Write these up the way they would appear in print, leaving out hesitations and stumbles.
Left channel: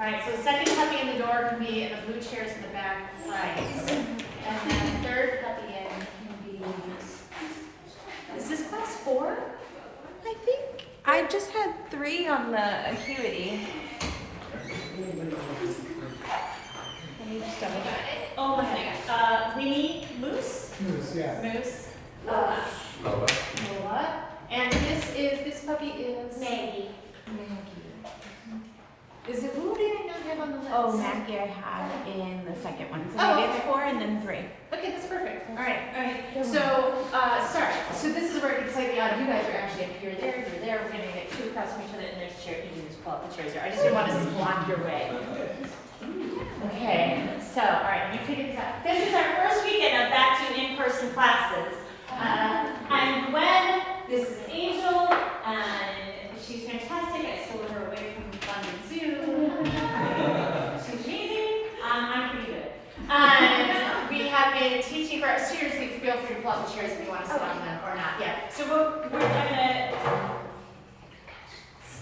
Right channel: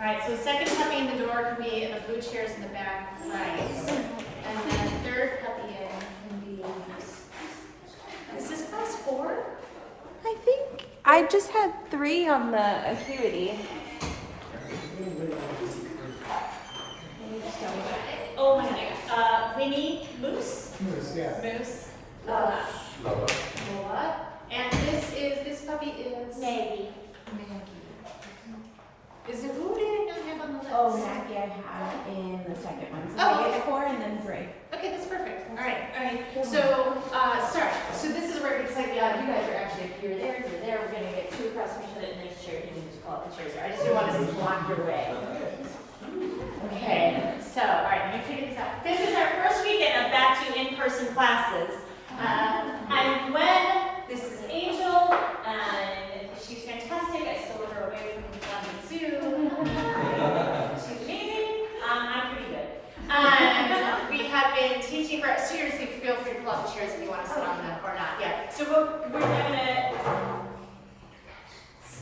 All right, so second puppy in the door can be in the blue chairs in the back. Right. And then third puppy in can be this. Is this class 4? I think I just had 3 on the acuity. Let me just double check. Oh my goodness. Winnie Moose? Moose, yeah. Moose. Lola. And this puppy is Maggie. Is it, who did I not have on the list? Oh, Maggie I have in the second one. So Oh, maybe okay. it's 4 and then 3. Okay, that's perfect. All right. So, sorry. So this is where it gets slightly odd. You guys are actually up here, there, you're there. We're gonna get 2 across from each other, and there's a chair. You can just pull out the chairs there. I just didn't want to block your way. Okay. So, all right. You figure this out. This is our first weekend of back to in-person classes, and when this is Angel, and she's fantastic. I stole her away from London Zoo. She's amazing. I'm pretty good. And we have been teaching for, seriously, feel free to pull out the chairs if you want to sit on them or not. Yeah. So we're gonna,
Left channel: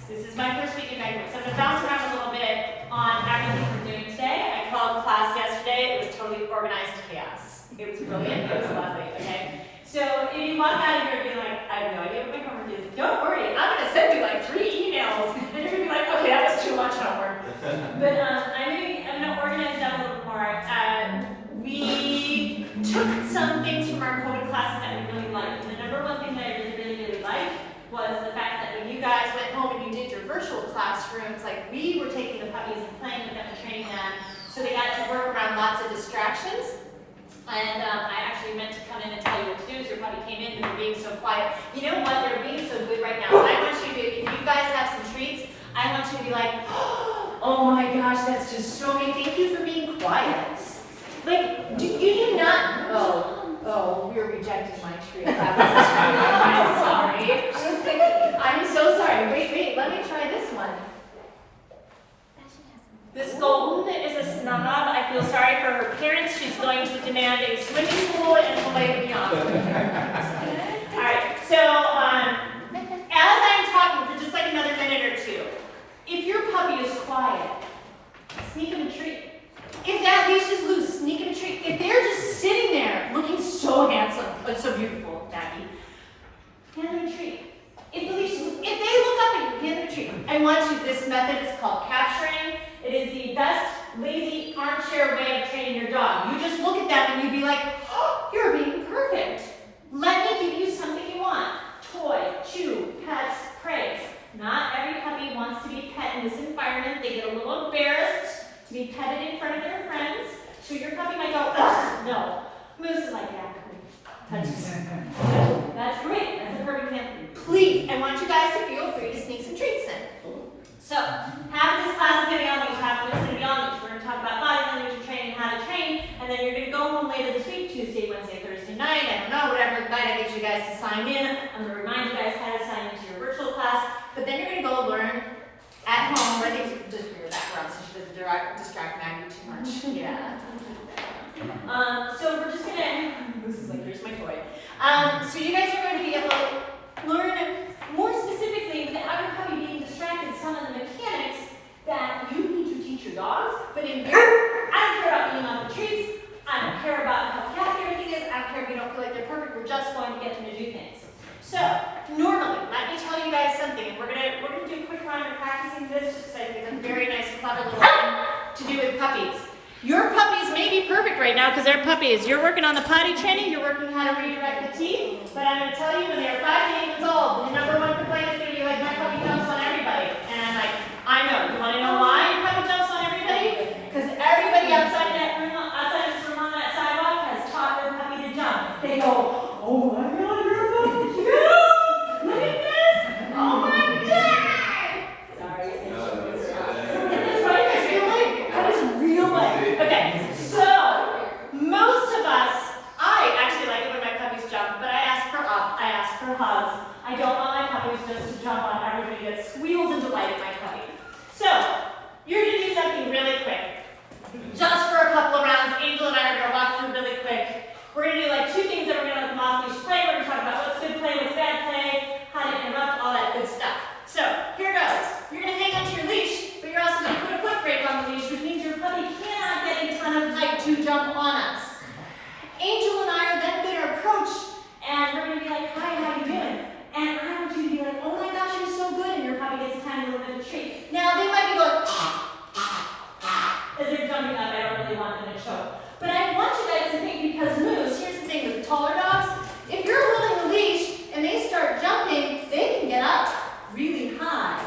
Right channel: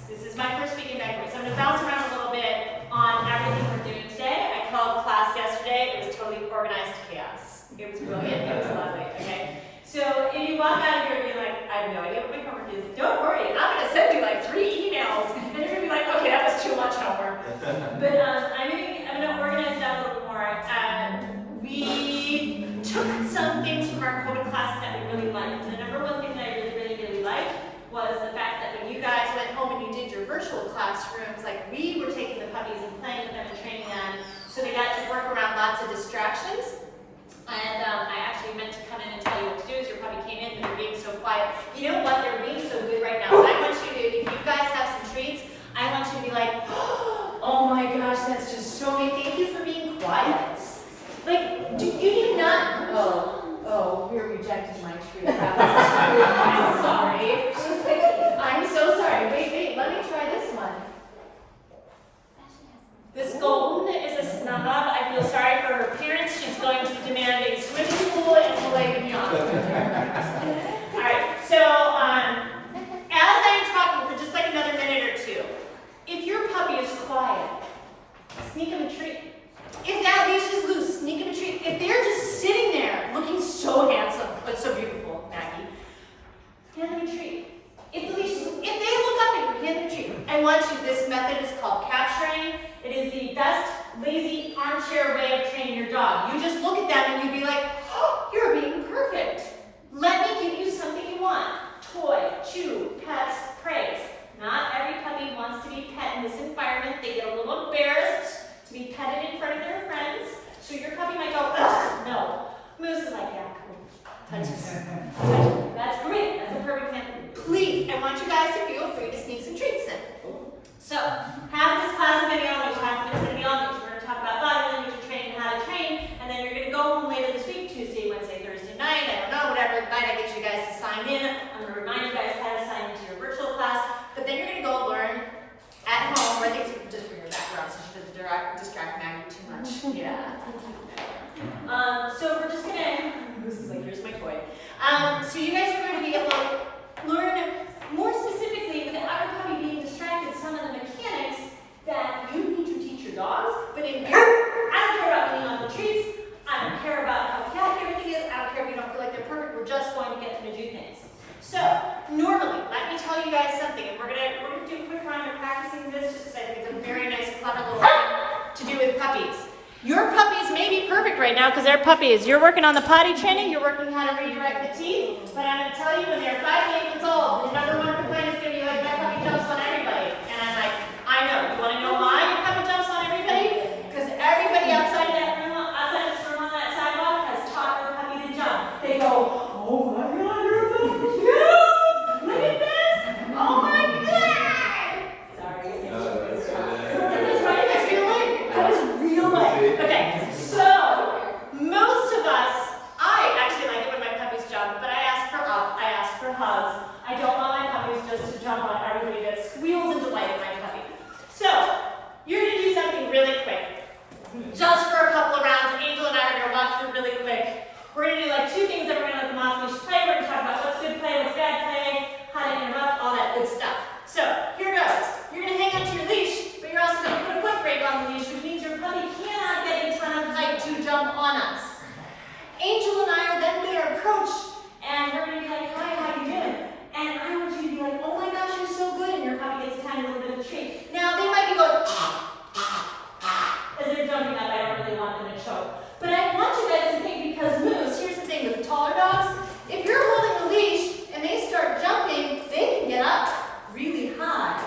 this is my first week in Vancouver, so I'm gonna bounce around a little bit on everything we're doing today. I called class yesterday. It was totally organized chaos. It was brilliant. It was lovely. Okay. So if you walk out of here being like, I have no idea what my homework is, don't worry. I'm gonna send you like 3 emails, and you're gonna be like, okay, that was too much homework. But I'm gonna organize that a little more. We took some things from our COVID classes that we really liked. And the number one thing that I really liked was the fact that when you guys went home and you did your virtual classrooms, like we were taking the puppies and playing with them and training them, so they got to work around lots of distractions. And I actually meant to come in and tell you what to do as your puppy came in, but they're being so quiet. You know what? They're being so good right now. What I want you to do, if you guys have some treats, I want you to be like, oh my gosh, that's just so amazing. Thank you for being quiet. Like, you do not, oh, you're rejecting my treat. I'm sorry. I'm so sorry. Wait, let me try this one. This golden is a snub. I feel sorry for her parents. She's going to the demanding swimming pool and play beyond. All right, so as I'm talking for just like another minute or 2, if your puppy is quiet, sneak him a treat. If that leash is loose, sneak him a treat. If they're just sitting there looking so handsome, but so beautiful, Maggie, hand them a treat. If the leash is loose, if they look up at you, hand them a treat. I want you, this method is called capturing. It is the best lazy armchair way of training your dog. You just look at them and you be like, oh, you're being perfect. Let me give you something you want. Toy, chew, pets, praise. Not every puppy wants to be pet in this environment. They get a little embarrassed to be petted in front of their friends. So your puppy might go, ugh, no. Moose is like, yeah, cool. Touch it. That's great. That's a perfect example. Please, I want you guys to feel free to sneak some treats in. So, have this class video on each, half of it's going to be on each. We're going to talk about body language training, how to train, and then you're going to go home later this week, Tuesday, Wednesday, Thursday night, I don't know, whatever night I get you guys to sign in. I'm going to remind you guys how to sign into your virtual class, but then you're going to go learn at home, where things just for your background, so she doesn't distract Maggie too much. Yeah. So we're just going to, this is like, here's my toy. So you guys are going to be able to learn more specifically, without your puppy being distracted, some of the mechanics that you need to teach your dogs. But in here, I don't care about being on the treats. I don't care about how catty everything is. I don't care if you don't feel like they're perfect. We're just going to get them to do things. So normally, let me tell you guys something, and we're gonna do a quick round of practicing this, just because I think it's a very nice, clever little thing to do with puppies. Your puppies may be perfect right now because they're puppies. You're working on the potty training, you're working how to redirect the teeth, but I'm going to tell you when they're 5 months old, the number one complaint is going to be like, my puppy jumps on everybody. And I'm like, I know. You want to know why your puppy jumps on everybody? Because everybody outside that room, outside this room on that sidewalk has taught their puppy to jump. They go, oh my God, you're a puppy. Look at this. Oh my God. Sorry. That's right. That's real life. That is real life. Okay, so most of us, I actually like it when my puppies jump, but I ask for hugs. I don't want my puppies just to jump on everybody. into the tree. Now they might be going as they're jumping up. I don't really want them to choke. But I want you guys to think, because moose, here's the thing with the taller dogs, if you're holding the leash and they start jumping, they can get up really high.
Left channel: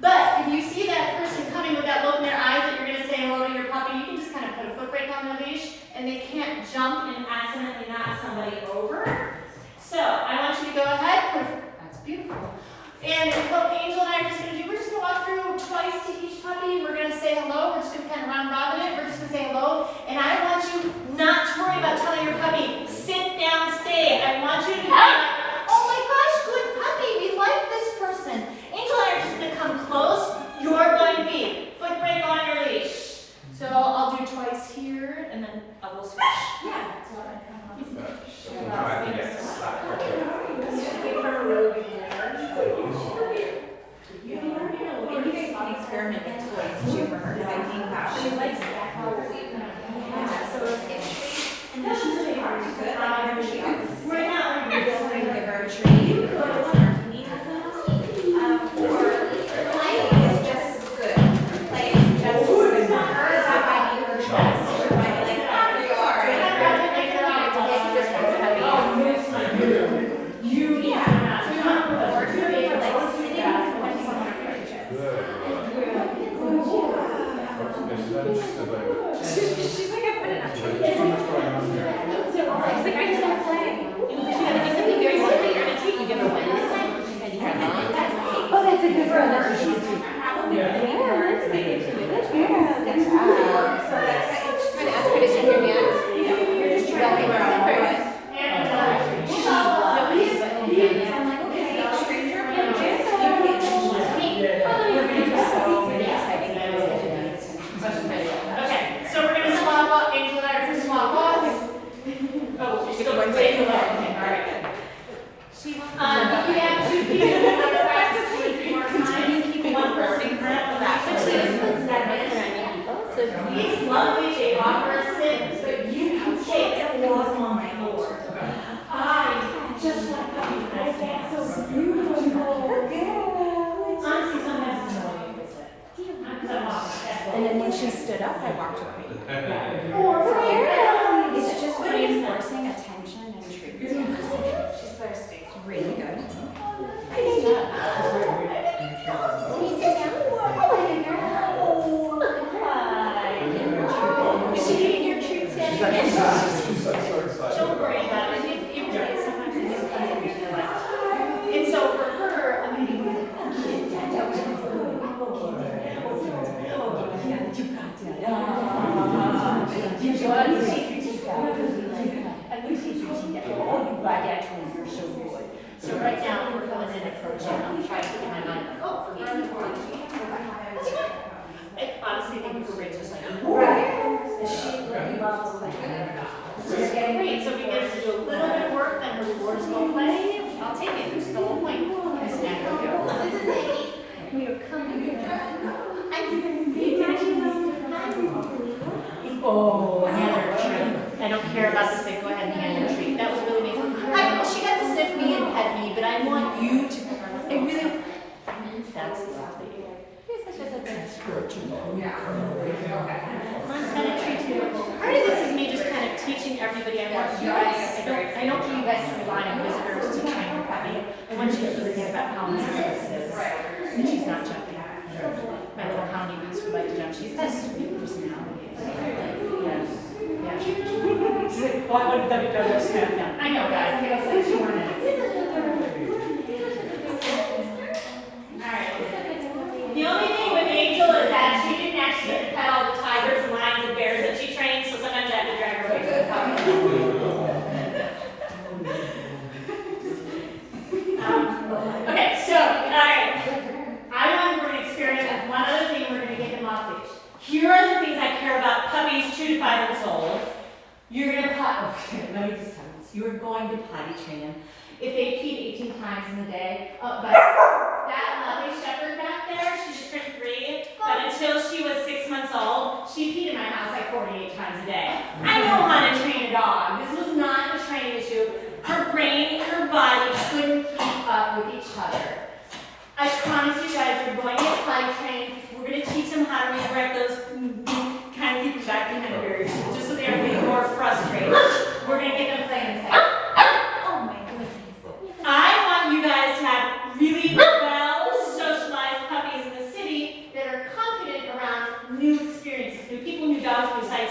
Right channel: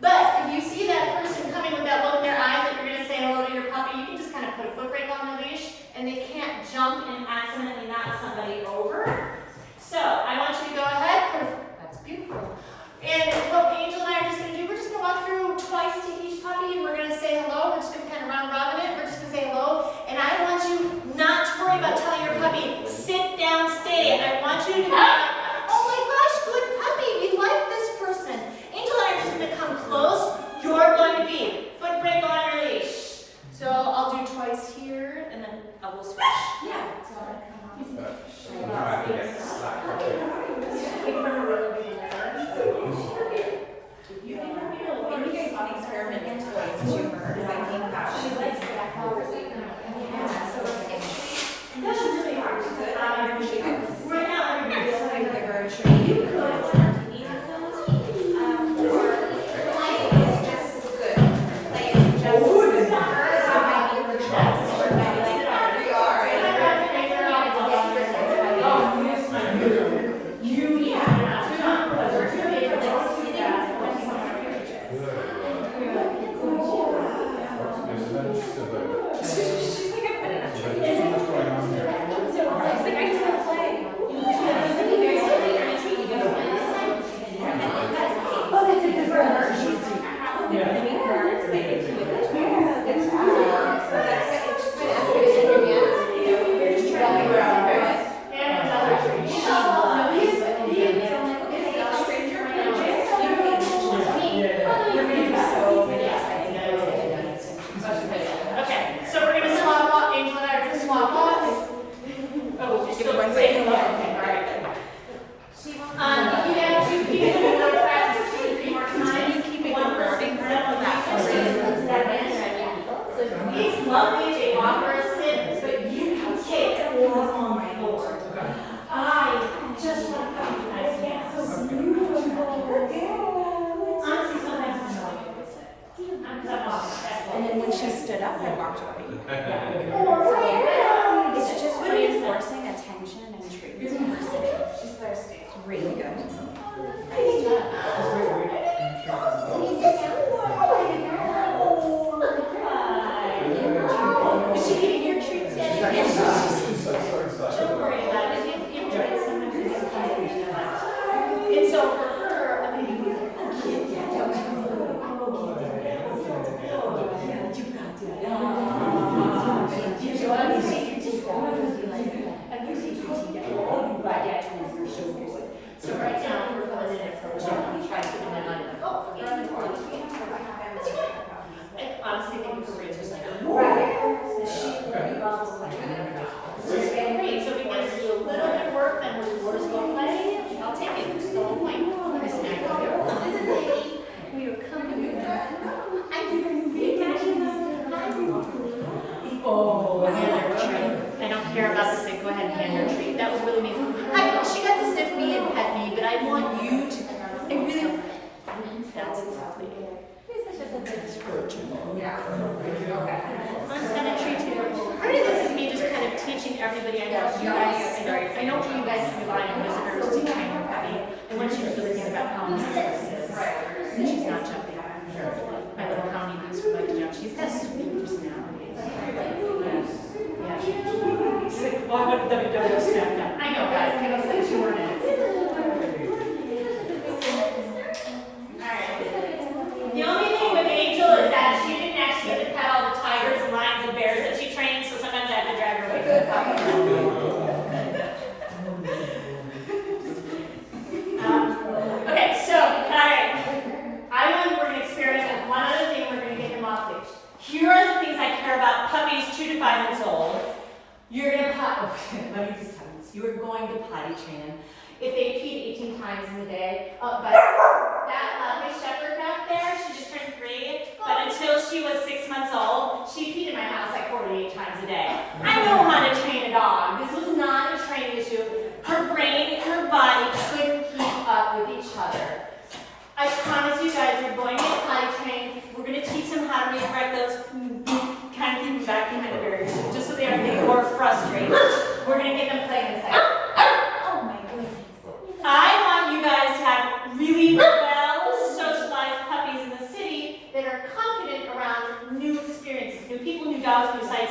But if you see that person coming with that look in their eyes that you're going to say hello to your puppy, you can just kind of put a foot brake on the leash and they can't jump and accidentally knock somebody over. So I want you to go ahead, that's beautiful. And what Angel and I are just going to do, we're just going to walk through twice to each puppy. We're going to say hello. We're just going to kind of round robin it. We're just going to say hello. And I want you not to worry about telling your puppy, sit down, stay. I want you to be like, oh my gosh, good puppy. We like this person. Angel and I are just going to come close. You're going to be foot brake on your leash. So I'll do twice here, and then I will switch. Yeah. So I'm going to come on. Experimenting toys too for her, because I think that she likes that conversation. And she's really hard. She's good. We're not going to give her a treat. Play is just good. Play is just good. So I need the trust. If you have two people who want to practice 2 or 3 more times, keep one person for that person. So these lovely, they offer a sit, but you can take 4 on the floor. I just want to come to my stance. Honestly, sometimes it's annoying to sit. And then when she stood up, I walked away. It's just reinforcing attention and treatment. She's thirsty. Really good. Is she getting your treats yet? Don't worry about it. And so for her, I'm going to be so right now, we're filling in it for a job. I'm trying to get my mind. Oh, for I honestly think we're just great. So if we get to do a little bit of work, then the rewards go play. I'll take it. There's the whole point. We are coming here. Oh, hand her a treat. I don't care about this thing. Go ahead and hand her a treat. That was really amazing. She got to sniff me and pet me, but I want you to. I really. That's exactly it. Yeah. Someone's got a treat here. Part of this is me just kind of teaching everybody. I want you guys. I don't want you guys to buy in whispers to train your puppy. I want you to forget about how nice this is. And she's not jumping. My little houndie moose would like to jump. She's got sweet personality. Yes. Yeah. She's like, well, I want to double snap now. I know, guys. Give us like 2 more minutes. Alright. The only thing with Angel is that she didn't actually get to pet all the tigers and lions and bears that she trained, so sometimes I have to drag her away from the puppy. Okay, so, alright. We're going to experiment with one other thing. We're going to get them off leash. Here are the things I care about puppies 2 to 5 months old. You're going to let me just tell you this. You're going to potty train them. If they pee 18 times in a day, but that lovely shepherd back there, she just turned 3, but until she was 6 months old, she peed in my house like 48 times a day. I know how to train a dog. This was not a training issue. Her brain and her body couldn't keep up with each other. I promise you guys, you're going to get potty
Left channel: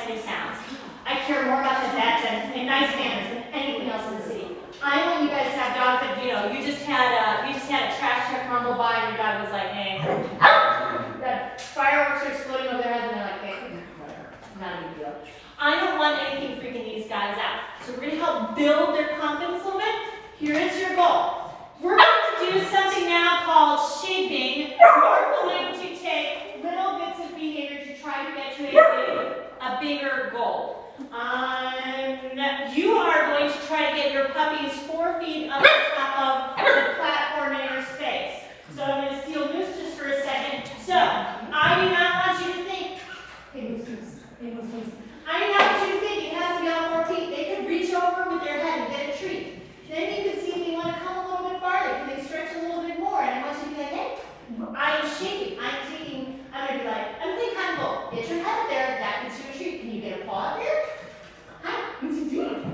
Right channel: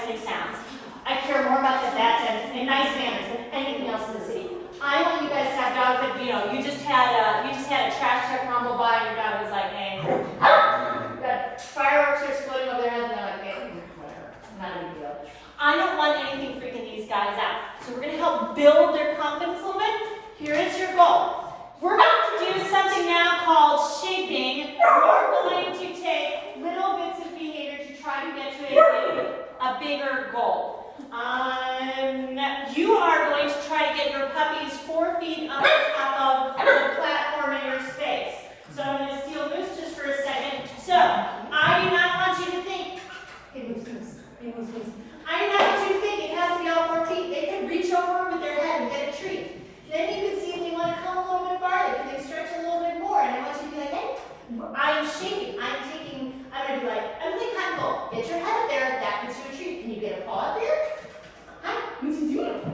city sounds. I care more about the vet and nice manners than anything else in the city. I want you guys to have dogs that, you know, you just had a trash truck rumble by and your dog was like, hey, the fireworks are exploding over their heads and they're like, hey, whatever, not a big deal. I don't want anything freaking these guys out. So we're gonna help build their confidence a little bit. Here is your goal. We're going to do something now called shaping. We're going to take little bits of behavior to try to get to a bigger goal. You are going to try to get your puppies 4 feet up on top of the platform in your space. So I'm going to steal Moose just for a second. So I do not want you to think, hey Moose, hey Moose. I do not want you to think it has to be all 4 feet. They could reach over with their head and get a treat. Then you can see if they want to come a little bit farther. Can they stretch a little bit more? And I want you to be like, hey, I am shaping. I'm going to be like, I'm playing kind of goal. Get your head up there. That gets you a treat. Can you get a paw up there? Hi, what's he doing? Oh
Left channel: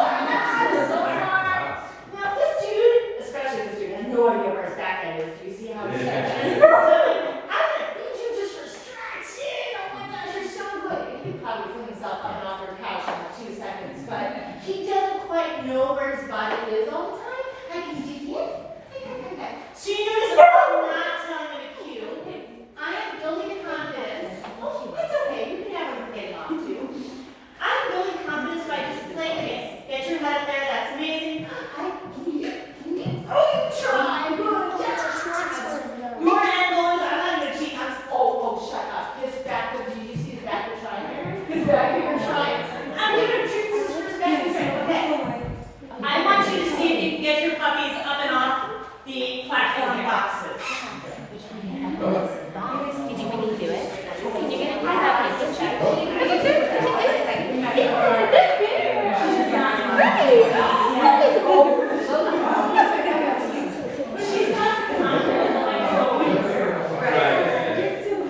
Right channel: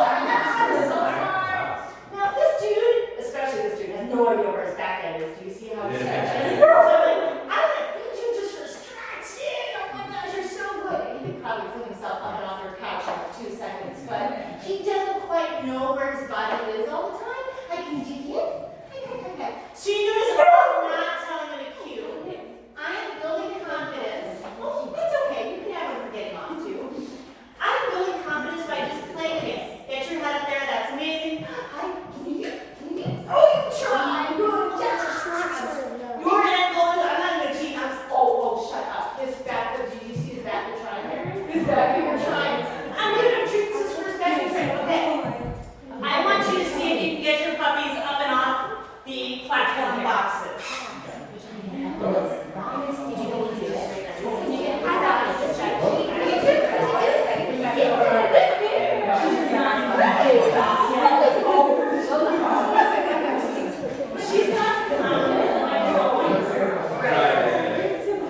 my God, that's so far. Now this dude, especially this dude, has no idea where his back end is. Do you see how he's stretching? So like, I'm going to feed you just for stretching. Oh my gosh, you're so good. He could probably fling himself up and off your couch in like 2 seconds, but he doesn't quite know where his body is all the time. I can dig in. So you notice I'm not telling him a cue. I am building confidence. Oh, that's okay. You can have him forgetting off too. I'm building confidence by just playing the game. Get your head up there. That's amazing. Oh, you try. Your end goal is I'm not even cheating. Oh, shut up. His back foot. Do you see his back foot trying here? His back foot trying. I'm giving him treats for his back foot trying. Okay. I want you to see if you can get your puppies up and off the platform boxes. Did you really do it? Can you get She's not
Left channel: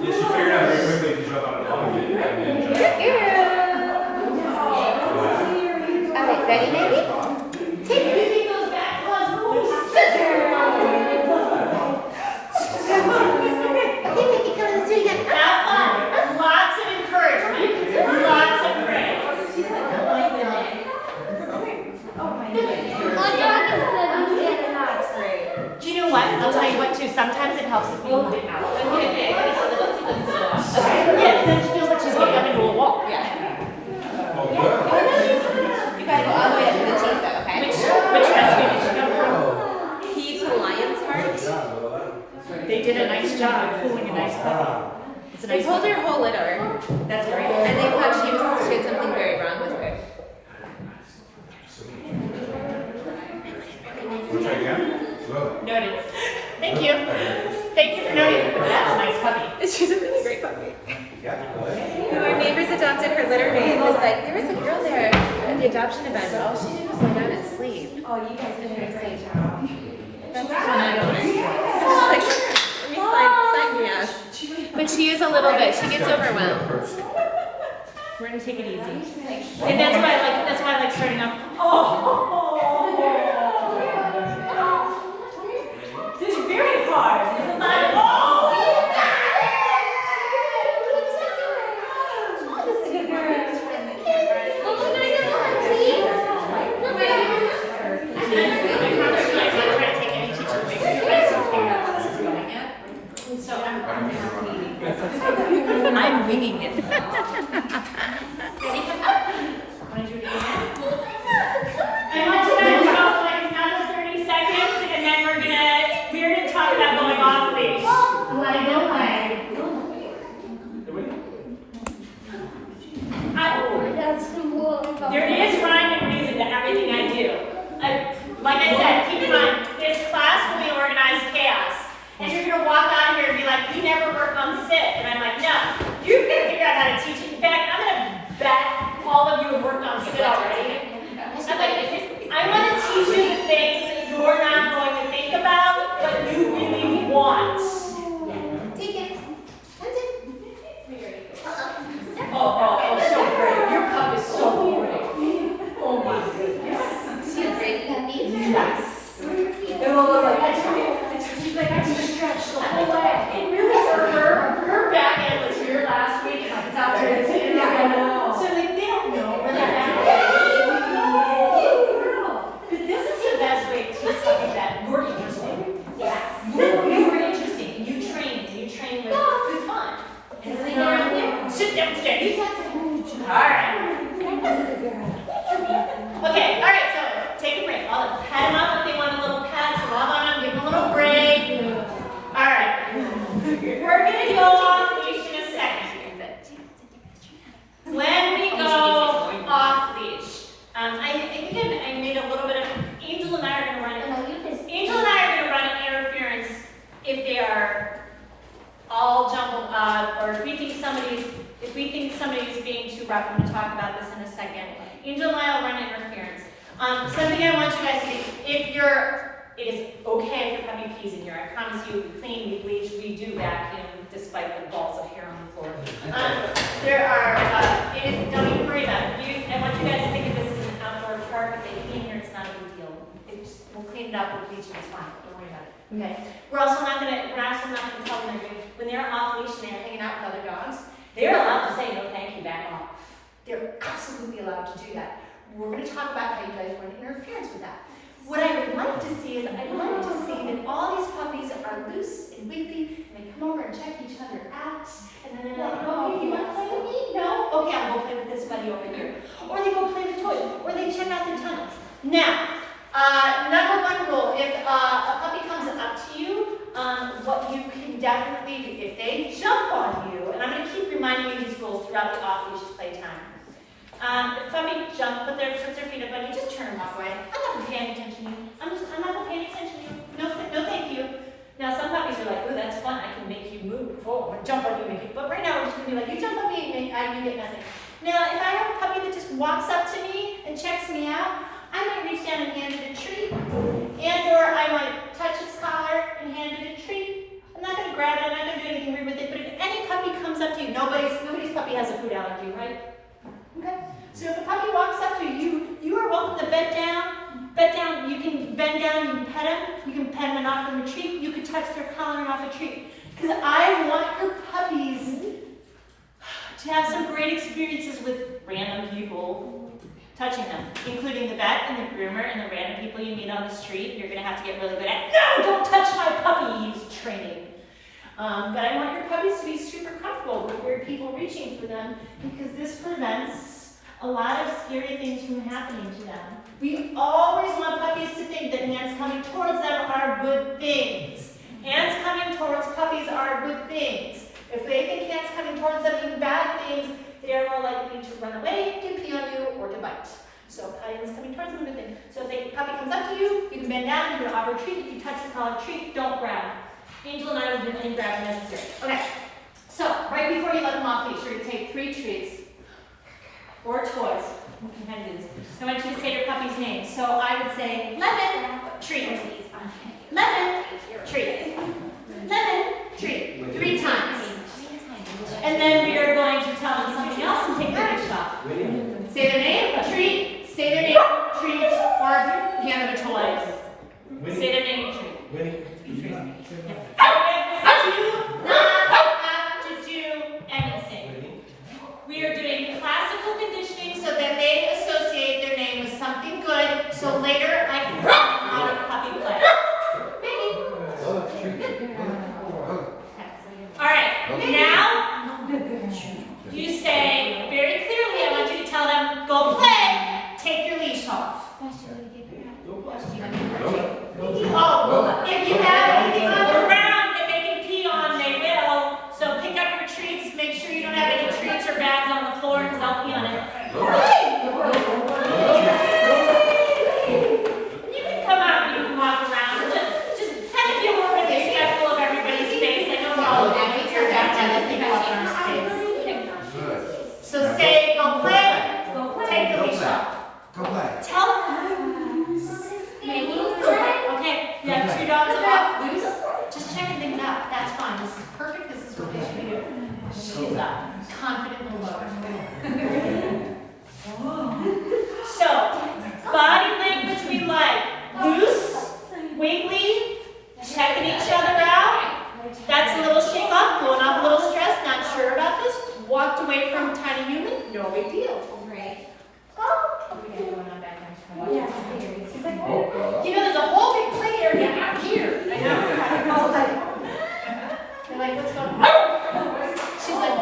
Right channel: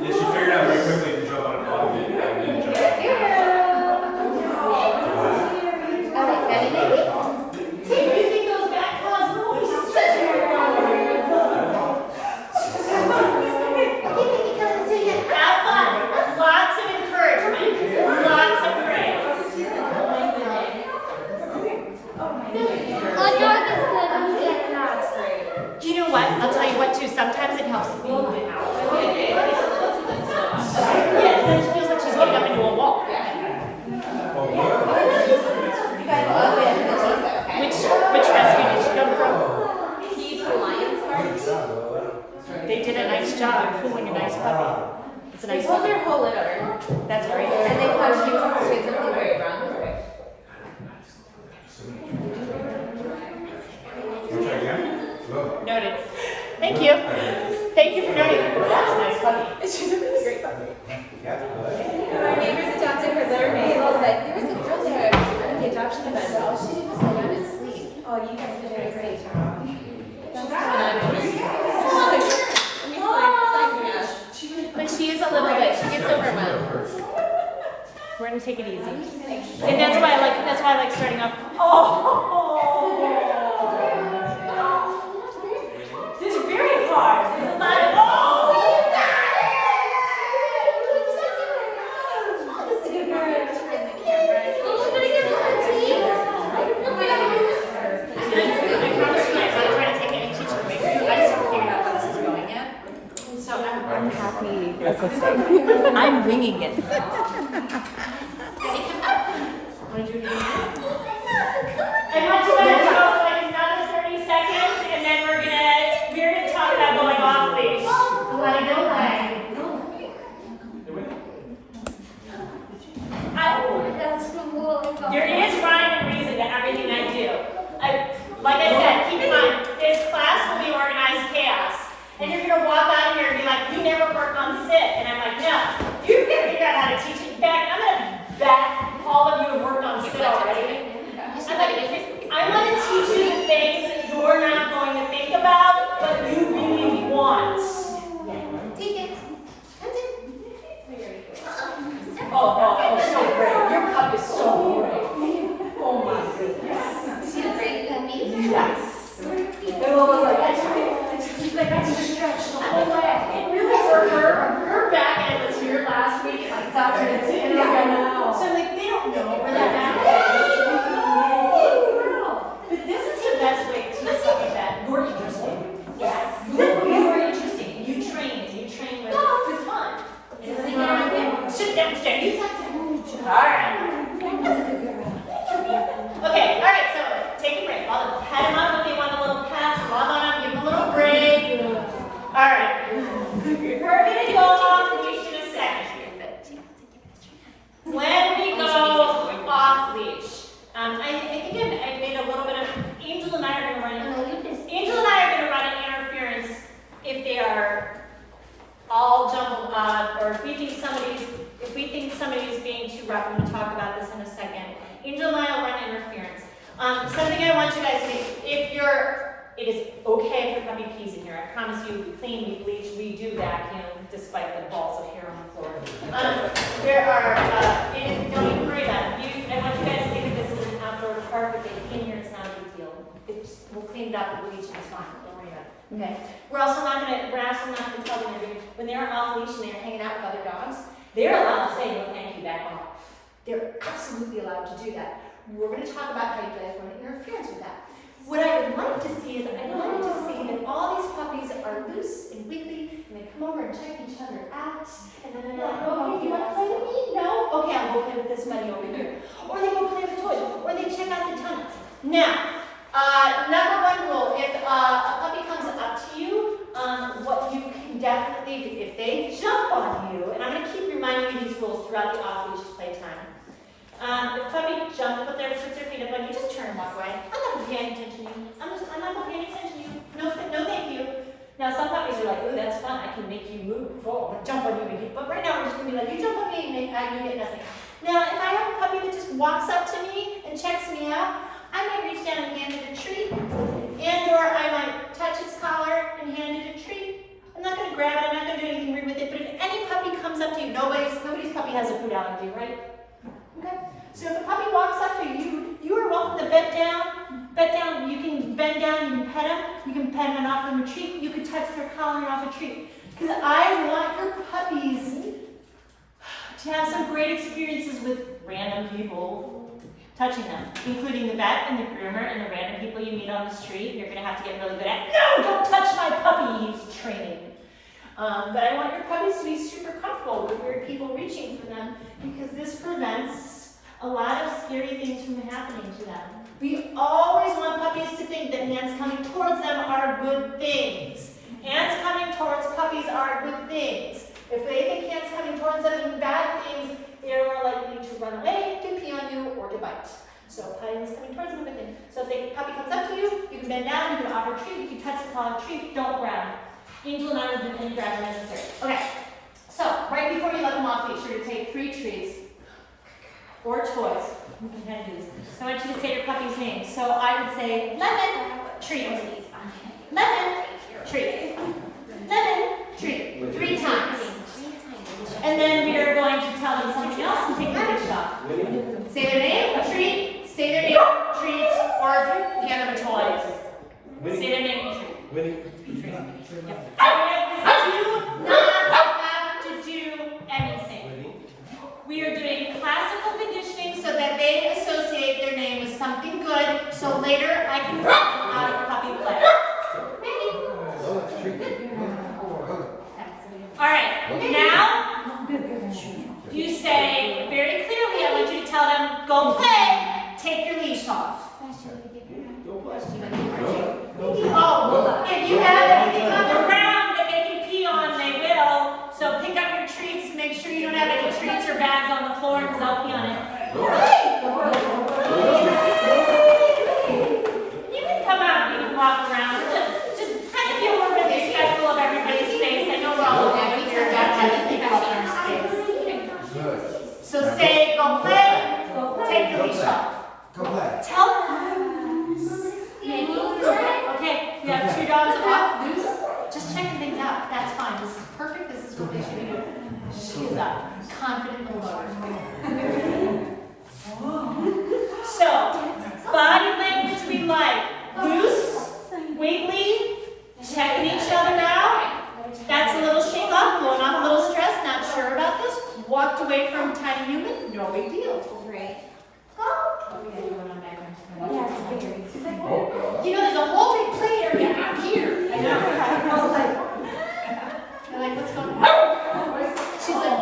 Yeah, she figured out very quickly to jump on a dog and then jump Alright, ready, baby? taking those back claws. Have fun. Lots of encouragement. Lots of praise. You know what? I'll tell you what too. Sometimes it helps to feel it out. Yeah, then she feels like she's looking up into a wall. Which rescue did she come from? They did a nice job pulling a nice puppy. It's a They nice pulled puppy. her whole litter, That's great. and they thought she had something very wrong with her. Noted. Thank you. Thank you for noting. That's a nice puppy. She's a really great puppy. Our neighbors adopted her litter maid. It was like, there was a girl there at the adoption event. All she did was lay down and sleep. Oh, you guys did a great job. That's so nice. But she is a little bit. She gets overwhelmed. We're gonna take it easy. And that's why I like starting off. Oh, this is very hard. This is not. Oh, you got I promise you, I'm not trying to take any teaching away from you. I just have to figure out how this is going yet. And so I'm happy with this. I'm winging it. Ready? Want to do it again? I want you guys to go for like another 30 seconds, and then we're gonna talk about going off leash. I know there is rhyme and reason to everything I do. Like I said, keep in mind, this class will be organized chaos. And you're gonna walk out of here and be like, you never worked on sit. And I'm like, no, you're gonna figure out how to teach it. In fact, I'm gonna bet all of you have worked on sit already. I want to teach you the things that you're not going to think about, but you really want. Take it. Oh, so great. Your cup is so great. Oh my goodness. Feel great, puppy. Yes. And Lola's like, she's like, I can stretch the whole leg. It really for her back end was sit downstairs. Alright. Okay, alright, so take a break. I'll pat him up if they want a little pat, so log on up, give him a little break. Alright. We're gonna go off leash in a second. When we go off leash, I think I made a little bit of, Angel and I are gonna run interference if they are all jumbled up, or if we think somebody's being too rough. I'm gonna talk about this in a second. Angel and I will run interference. Something I want you guys to do, it is okay if you're having peas in here. I promise you, we clean, we bleach, we do vacuum, despite the balls of hair on the floor. Don't worry about it. I want you guys to think of this as an outdoor park. If they clean here, it's not a big deal. We'll clean it up, we'll bleach it, it's fine. Don't worry about it. Okay. We're also not gonna tell them when they're off leash and they're hanging out with other dogs, they're allowed to say no thank you, back off. They're absolutely allowed to do that. We're gonna talk about how you guys run interference with that. What I would like to see is, that all these puppies are loose and wiggly, and they come over and check each other out, and then they're like, oh, you want to play with me? No? Okay, I'll go play with this buddy over here. Or they go play with toys, or they check out the tunnels. Now, number one rule, if a puppy comes up to you, what you can definitely do, if they jump on you, and I'm going to keep reminding you these rules throughout the off-leash playtime. If a puppy jumps, puts their feet up, and you just turn them this way. I'm not paying attention to you. I'm not paying attention to you. No, thank you. Now, some puppies are like, ooh, that's fun. I can make you move. Oh, jump on you. But right now, we're just going to be like, you jump on me, and you get nothing. Now, if I have a puppy that just walks up to me and checks me out, I might reach down and hand it a treat, or I might touch its collar and hand it a treat. I'm not going to grab it. I'm not going to do anything weird with it. But if any puppy comes up to you, nobody's puppy has a food allergy, right? Okay. So if a puppy walks up to you, you are welcome to bend down. You can bend down. You can pet him. You can pet him and offer him a treat. You can touch their collar and offer a treat. Because I want your puppies to have some great experiences with random people touching them, including the vet and the groomer and the random people you meet on the street. You're going to have to get really good at, no, don't touch my puppy, he's training. But I want your puppies to be super comfortable with weird people reaching for them, because this prevents a lot of scary things from happening to them. We always want puppies to think that hands coming towards them are good things. Hands coming towards puppies are good things. If they think hands coming towards them are bad things, they are more likely to run away, to pee on you, or to bite. So hands coming towards them are a good thing. So if the puppy comes up to you, you can bend down, you can offer a treat. If you touch the collar treat, don't grab. Angel and I will do any grabbing necessary. Okay. So right before you let them off leash, you're going to take 3 treats or toys. We can kind of do this. I want you to say your puppy's name. So I would say lemon treat. Lemon treat. Lemon treat. 3 times. And then we are going to tell them something else and take the leash off. Say their name, treat. Say their name, treat, or hand them a toy. Say their name, treat. You do not have to do anything. We are doing classical conditioning so that they associate their name with something good, so later I can pull them out of puppy play. All right, now you say very clearly, I want you to tell them, go play, take your leash off. Oh, if you have anything on the ground that they can pee on, they will. So pick up your treats, make sure you don't have any treats or bags on the floor, because they'll pee on it. You can come out and you can walk around. Just kind of feel more respectful of everybody's space. I know we're all down here, got everything up in our space. So say, go play, take the leash off. Tell them. Okay, you have 2 dogs off, loose. Just checking things out. That's fine. This is perfect. This is what they should do. She is up. Confident little mother. So, body language we like. Loose, wiggly, checking each other out. That's a little shake off, blowing off a little stress, not sure about this. Walked away from tiny human, no big deal. Great. Oh, we got going on back there. You know, there's a whole big play area out here. I know. They're like, what's going on? She's like,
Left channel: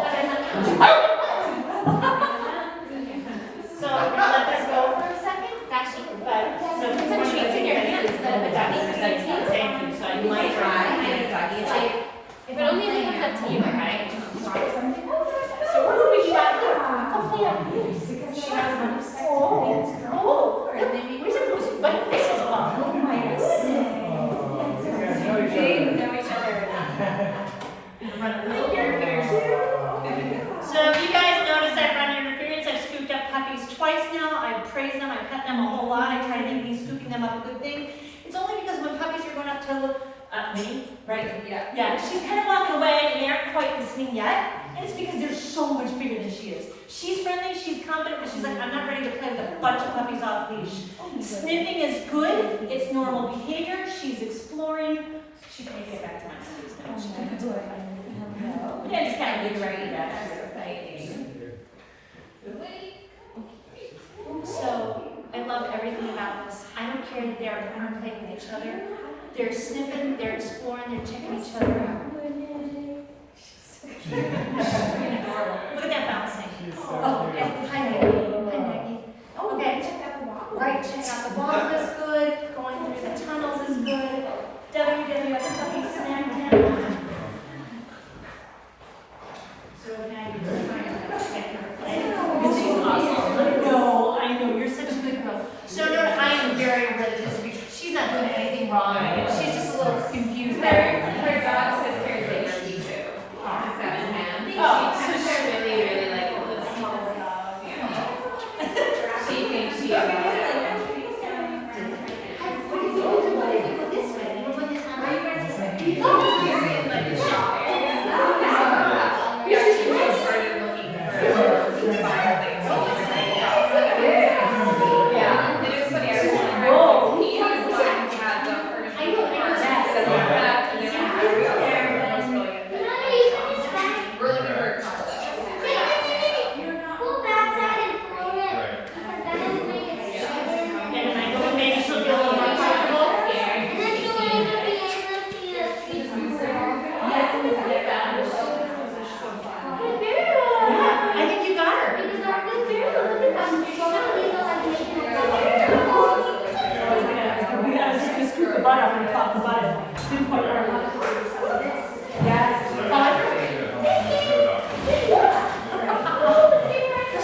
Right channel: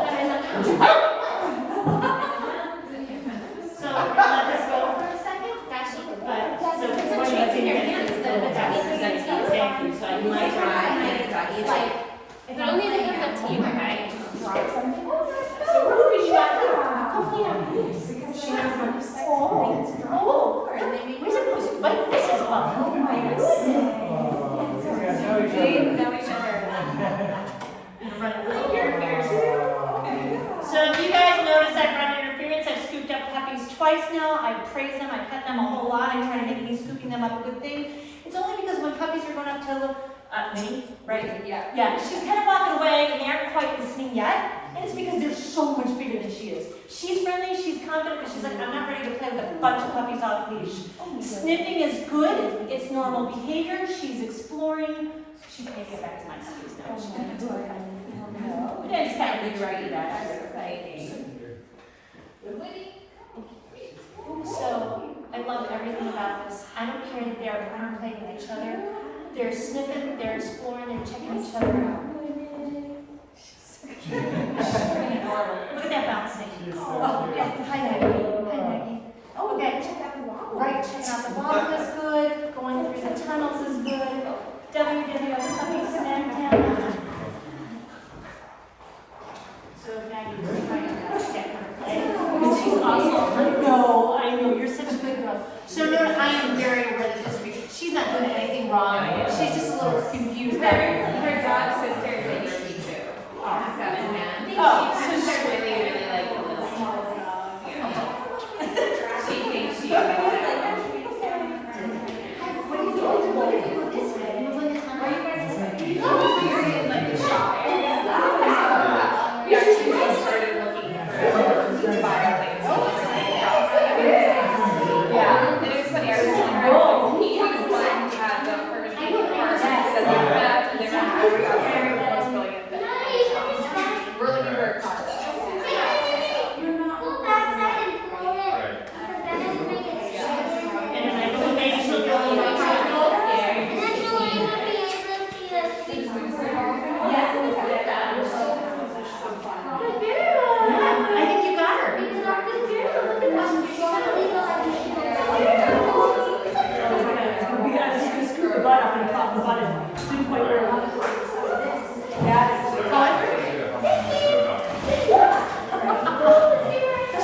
run a little interference. So if you guys notice I've run interference, I've scooped up puppies twice now. I praise them, I pet them a whole lot. I try to make me scooping them up a good thing. It's only because when puppies are going up to Minnie, right? Yeah, she's kind of walking away and they aren't quite listening yet. And it's because they're so much bigger than she is. She's friendly, she's confident, but she's like, I'm not ready to play with a bunch of puppies off leash. Sniffing is good, it's normal behavior, she's exploring. She can get back to my puppies now. She can do it. Yeah, just kind of big right back. So, I love everything about this. I don't care that they're playing with each other. They're sniffing, they're exploring, they're checking each other out. Look at that bouncing. Oh, yeah. Hi, Maggie. Hi, Maggie. Okay. Right, checking out the bottle is good. Going through the tunnels is good. www.puppies snack down. So Maggie's trying to get her play. She's awesome. I know, you're such a good girl. So no, I am very aware that this week, she's not doing anything wrong. She's just a little confused that Her dog sister is like Ricky too. 7 hands. Oh, So she's really like the smallest dog. She thinks she is like. We actually just started looking for fireplace. Yeah, and it was funny. I was like, he was talking about the we're looking for a car. and I go with maybe she'll do a little more practical. I think you got her. We got to scoop the butt up and pop the butt in. Didn't quite work.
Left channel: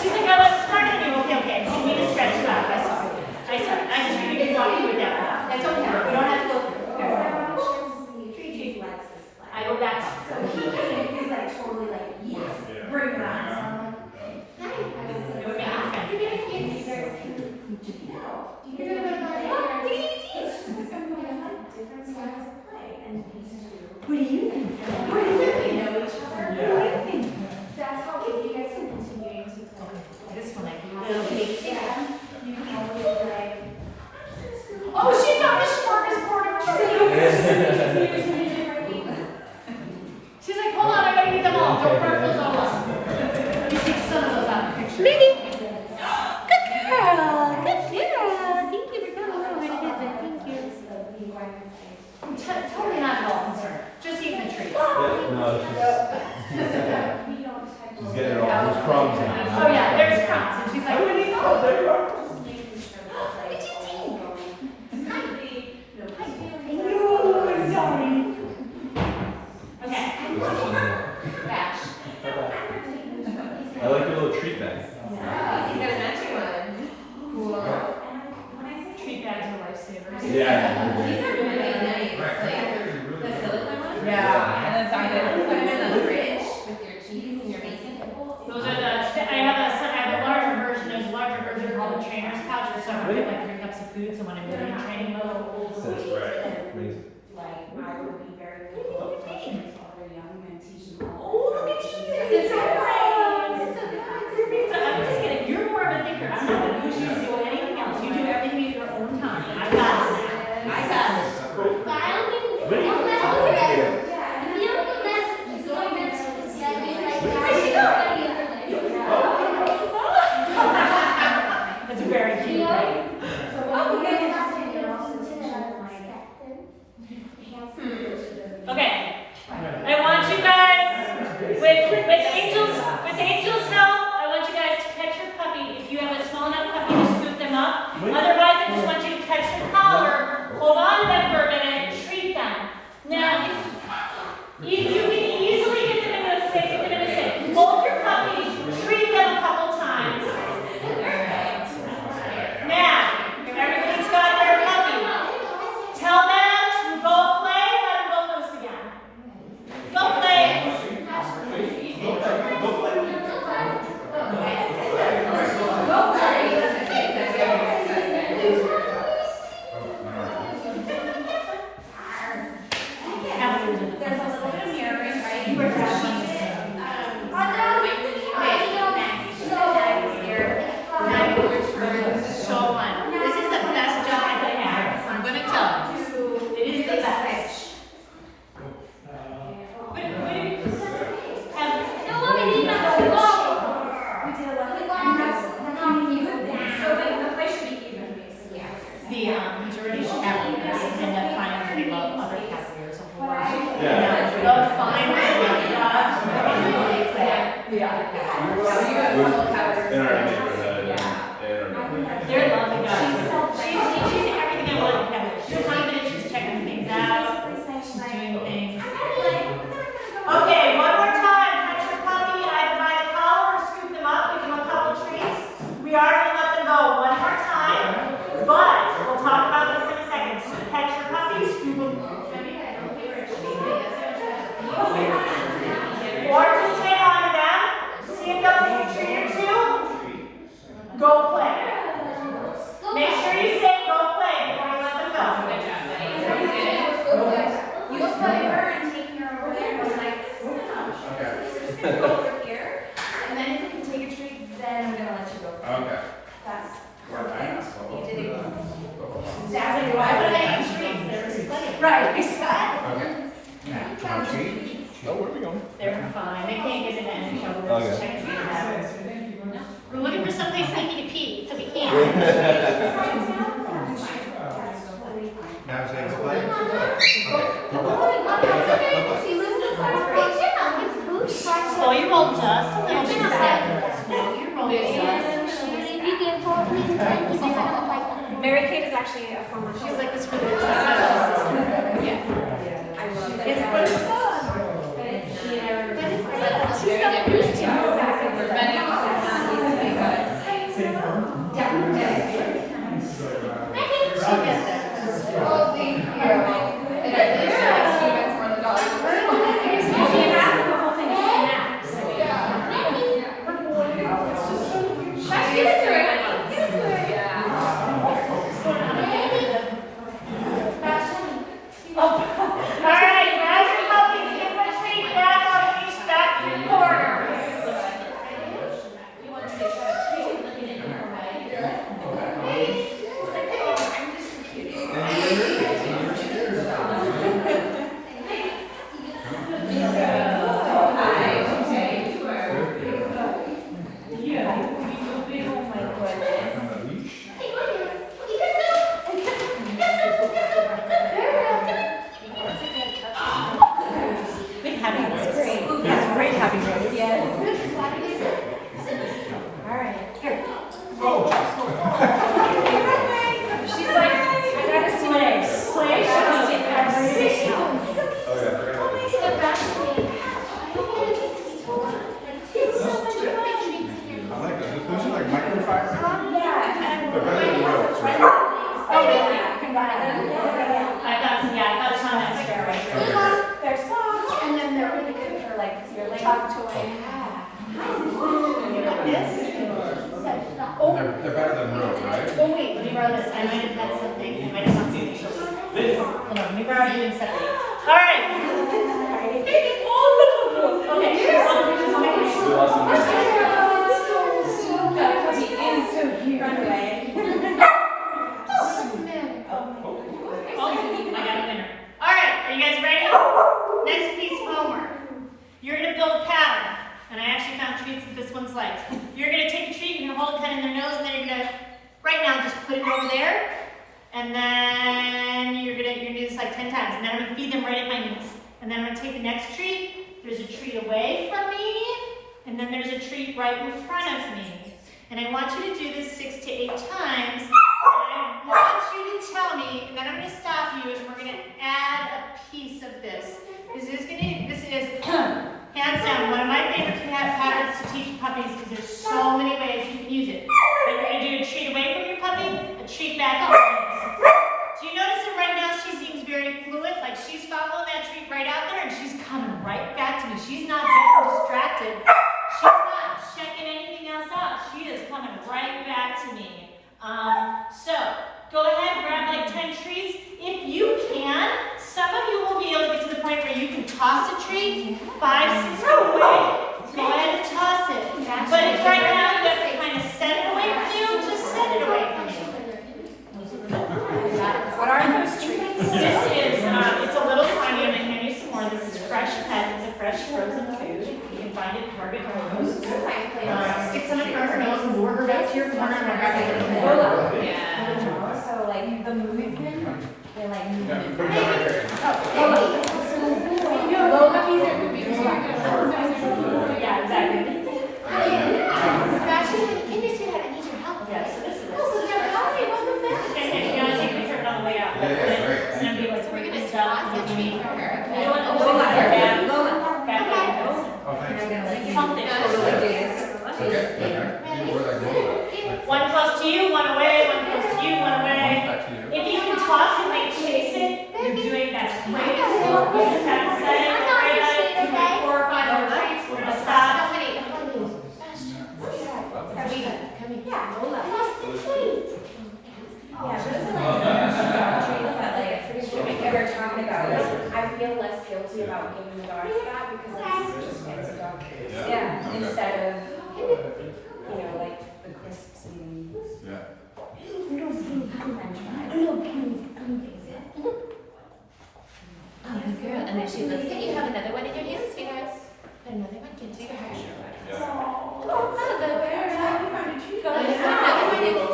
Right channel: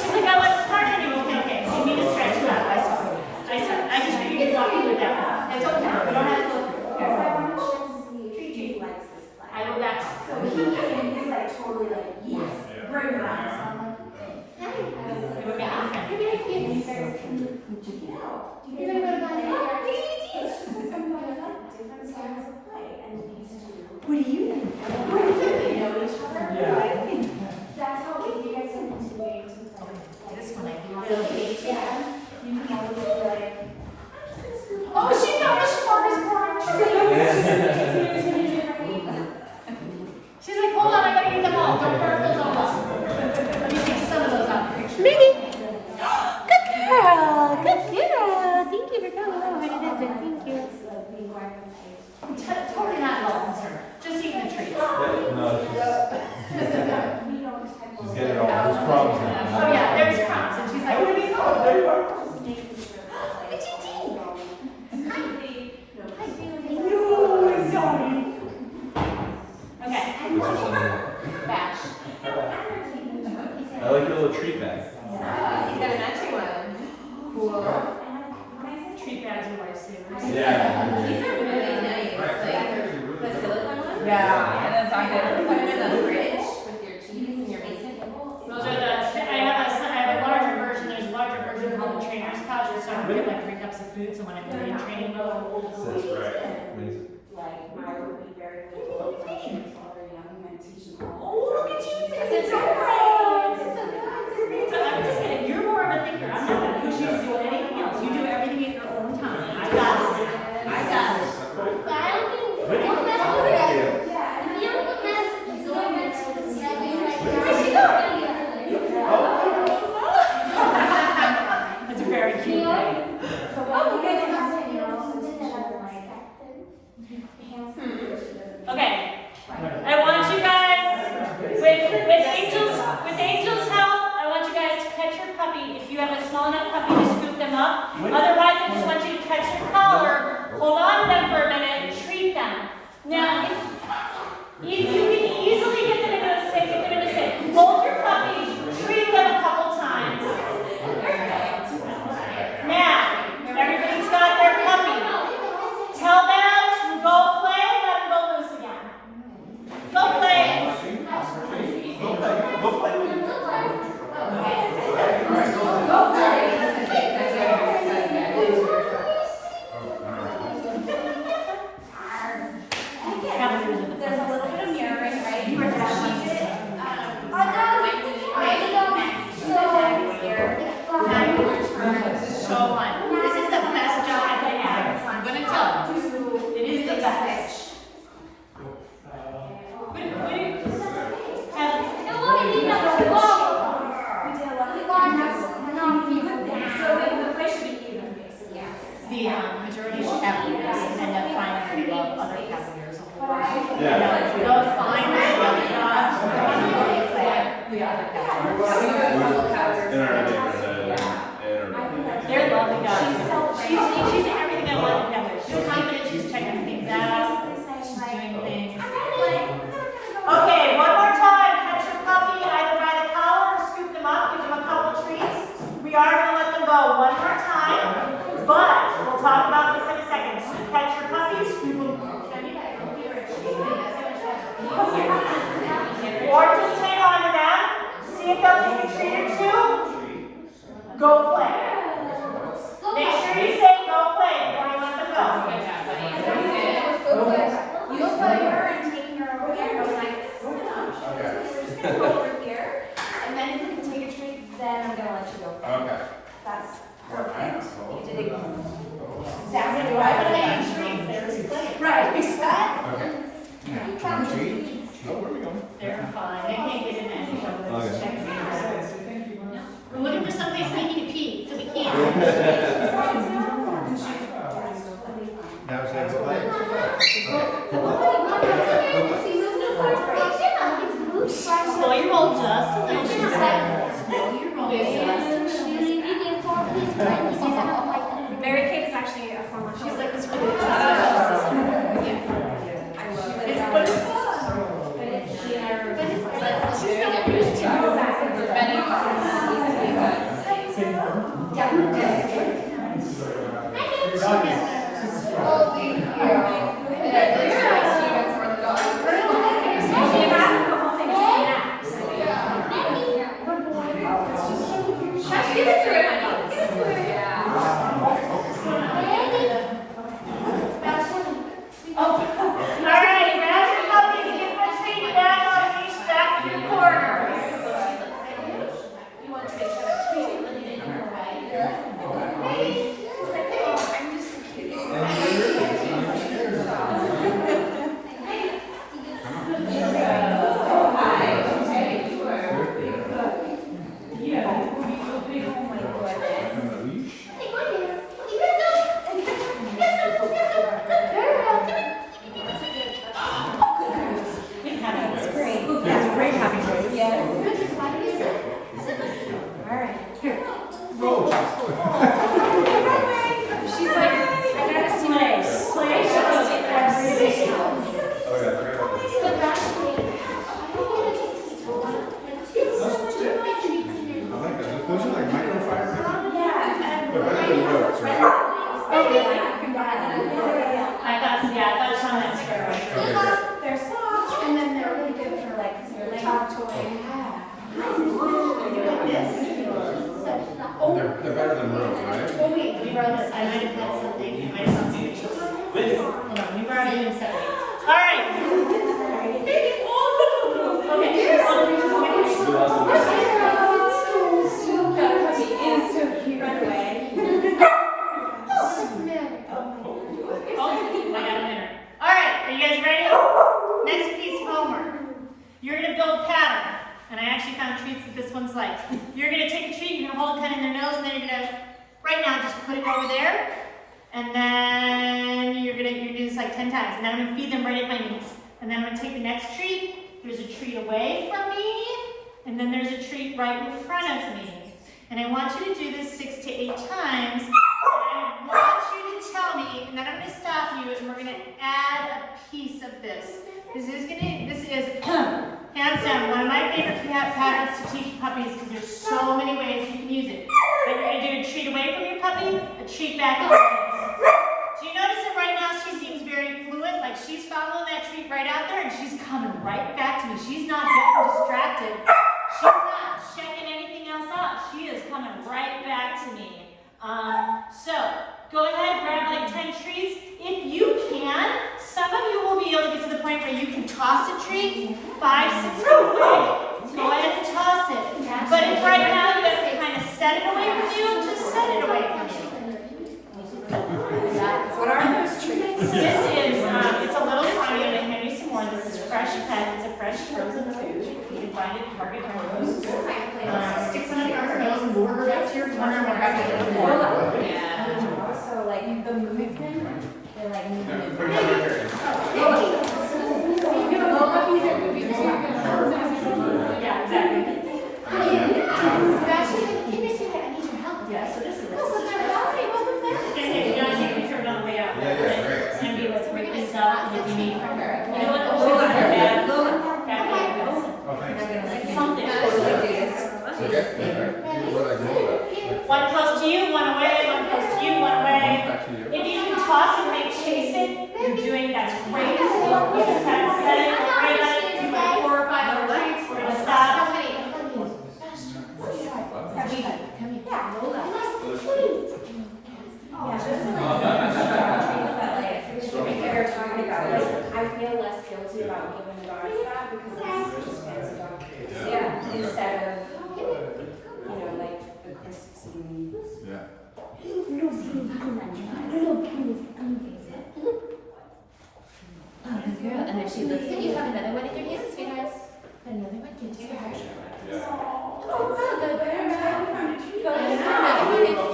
She's like, I was hard on you. Okay. So you need to stretch it out. I saw it. I just figured you thought you would get that. That's okay. You don't have to go through. I go back. So he is like totally like, yes, bring it on. So I'm like, We're making friends. you're gonna keep me there. You're gonna go to my different styles of play. And these two. What do you think? What do you think? They know each other. What do you think? That's how if you guys are continuing to play. This one I do. Yeah. You can have a little like, Oh, she got the smorgasbord. She's like, hold on, I gotta eat them all. Don't burn those all up. Let me take some of those out of the picture. Minnie! Good girl! Good girl! Thank you for coming over to visit. Thank you. I'm totally not at all concerned. Just eating the treats. No, she's getting all those crumbs now. Oh yeah, there's crumbs. And she's like, what do we go? Okay. bash. I like your little treat bag. You got a matching one. Treat bags are lifesavers. These Yeah. are really nice. Like the silicone ones. Yeah. And then put them in the fridge with your cheese in your basement. Those are the, I have a larger version. There's a larger version called the trainer's pouch. And so I get like 3 cups of food. So when I'm really in training mode, That's right. Amazing. Like, I would be very critical of teaching other young and teaching them. oh, look at you. It's so great. So I'm just kidding. You're more of a thinker. I'm not going to push you to do anything else. You do everything at your own time. I got it. I got it. That's a very cute thing. Okay. I want you guys, with Angel's help, I want you guys to catch your puppy. If you have a small enough puppy to scoop them up. Otherwise, I just want you to catch your collar, hold on to them for a minute, and treat them. Now, if you can easily get them into a sit, hold your puppy, treat them a couple times. Now, everybody's got their puppy. Tell them to go play, let them go loose again. Go play. The majority of applicants end up finding they love other applicants. Yeah. They'll find their dogs really play the other applicants. In our neighborhood. In our neighborhood. They're lovely dogs. She's everything I want in a pet. She's confident, she's checking things out, she's doing things. Okay, one more time. Catch your puppy either by the collar or scoop them up, give them a couple treats. We are going to let them go one more time, but we'll talk about this in a second. So catch your puppy, scoop them. Or just hang on to them, see if they'll take a treat or two. Go play. Make sure you say go play before you let them go. You play her and taking her over there was like, just go over here. And then if you can take a treat, then I'm gonna let you go. Okay. That's perfect. You did it. Exactly. Why would I eat treats? They're just playing. Right, exactly. Okay. Oh, where are we going? They're fine. They can't get into any trouble. They're just checking things out. We're looking for someplace sneaky to pee, so we can't. Now it's time to play. Slow your roll just a little bit. Slow your roll just. Mary Kate is actually a former. She's like this really special assistant. I love it. It's good. She's got a bruise too. All right, grab your puppies, give them a treat, back up, reach back to the corner. You want to make sure you're looking at your right. It's like, oh, I'm just so cute. She's like, I gotta slay. Slay, she's Oh yeah, forget about this. I like it. Those are like microfibers. They're better than ropes, right? I thought it's on that skirt. They're soft, and then they're really good for like your leg toy. They're better than ropes, right? Oh wait, let me borrow this. I might have had something. I might have something. Hold on, let me borrow it and separate. All right. I got a winner. All right, are you guys ready? Next piece of homework. You're going to build a pattern. And I actually found treats that this one's like. You're going to take a treat, you're going to hold it kind of in their nose, and then you're going to, right now, just put it over there. And then you're going to do this like 10 times. And then I'm going to feed them right at my knees. And then I'm going to take the next treat. There's a treat away from me. And then there's a treat right in front of me. And I want you to do this 6 to 8 times. And I want you to tell me, and then I'm going to stop you, and we're going to add a piece of this. This is hands down one of my favorite patterns to teach puppies because there's so many ways you can use it. But you're going to do a treat away from your puppy, a treat back in your hands. Do you notice that right now she seems very fluid, like she's following that treat right out there and she's coming right back to me. She's not getting distracted. She's not checking anything else out. She is coming right back to me. So go ahead, grab like 10 treats. If you can, some of you will be able to get to the point where you can toss a treat 5, 6 feet away. Go ahead and toss it. But if right now you have to kind of set it away from you, just set it away from you. What are those treats? This is, it's a little slimy. I'm going to hand you some more. one. This is Fresh Pet. It's a fresh frozen food. You can find it at Target Rose. Stick some in front of her nose and lure her back to your corner and we're happy to get more. So like the movement, they're like moving. Put it down right there. Low puppies are movies. Yeah, exactly. Yeah, so this is. Okay, you know, you can turn it on the way out. But it's gonna be like breaking this up and then you know what? Lola, Back Lola. back something. One close to you, one away, one close to you, one away. Back to you. If you can toss and like chase it, you're doing that's great. Practice setting, great at it. Do like 4 or 5 other treats. We're gonna stop. Yeah, those are like treats that like they're talking about. Like I feel less guilty about giving the dogs that because it's just fancy dog food. Yeah. Instead of like the crisps and Yeah. And then she looks at you, have another one in your hands, sweetheart. Another one, can take a picture.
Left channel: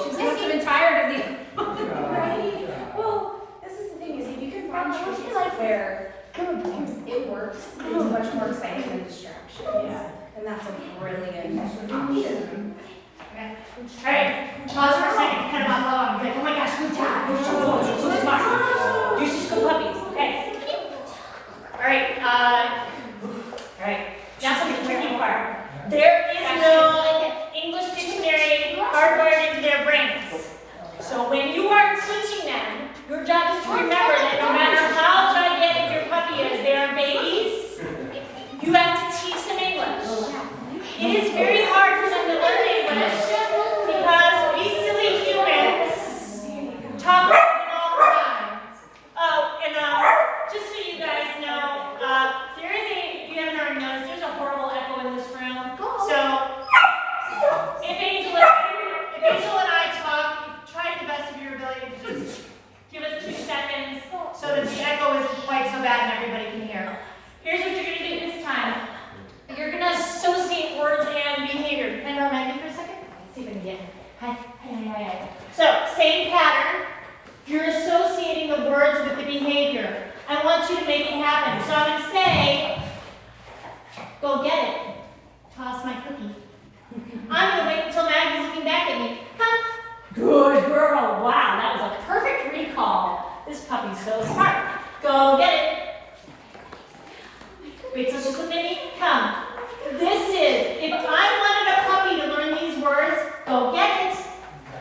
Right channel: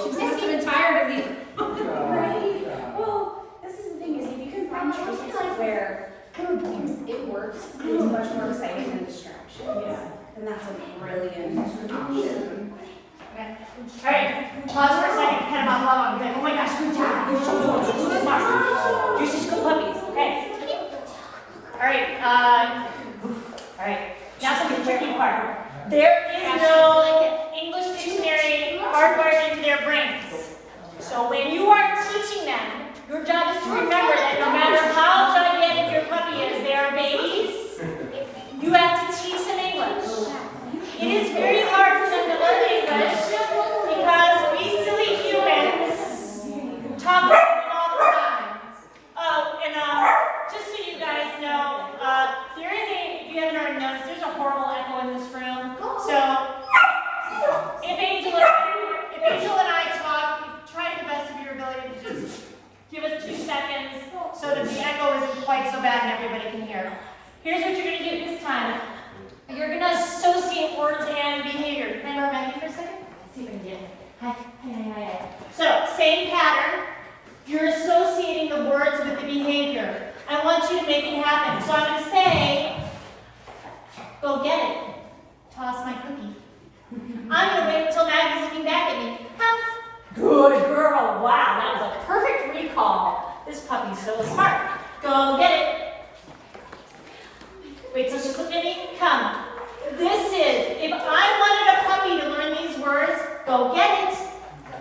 She's supposed to be tired of you. right. Well, this is the thing is if you can find treats where it works, it's much more exciting than distractions. And that's a brilliant option. Alright, pause for a second, kind of long. Like, oh my gosh, good job. You're so good. You're so smart. You're such good puppies. Okay. Alright, now something tricky part. There is no English dictionary hardwired into their brains. So when you are teaching them, your job is to remember that no matter how gigantic your puppy is, they are babies. You have to teach them English. It is very hard for them to learn English because we silly humans talk about it all the time. Oh, and just so you guys know, there is if you haven't already noticed, there's a horrible echo in this room. So if Angel and I talk, try to the best of your ability to just give us 2 seconds so that the echo isn't quite so bad and everybody can hear. Here's what you're going to do this time. You're going to associate words and behavior. Can I borrow my mic for a second? Let's see if I can get it. Hi. So, same pattern. You're associating the words with the behavior. I want you to make it happen. So I'm going to say, go get it. Toss my cookie. I'm going to wait until Maggie's looking back at me. Huh? Good girl. Wow, that was a perfect recall. This puppy's so smart. Go get it. Wait till she's looking at me. Come. This is, if I wanted a puppy to learn these words, go get it.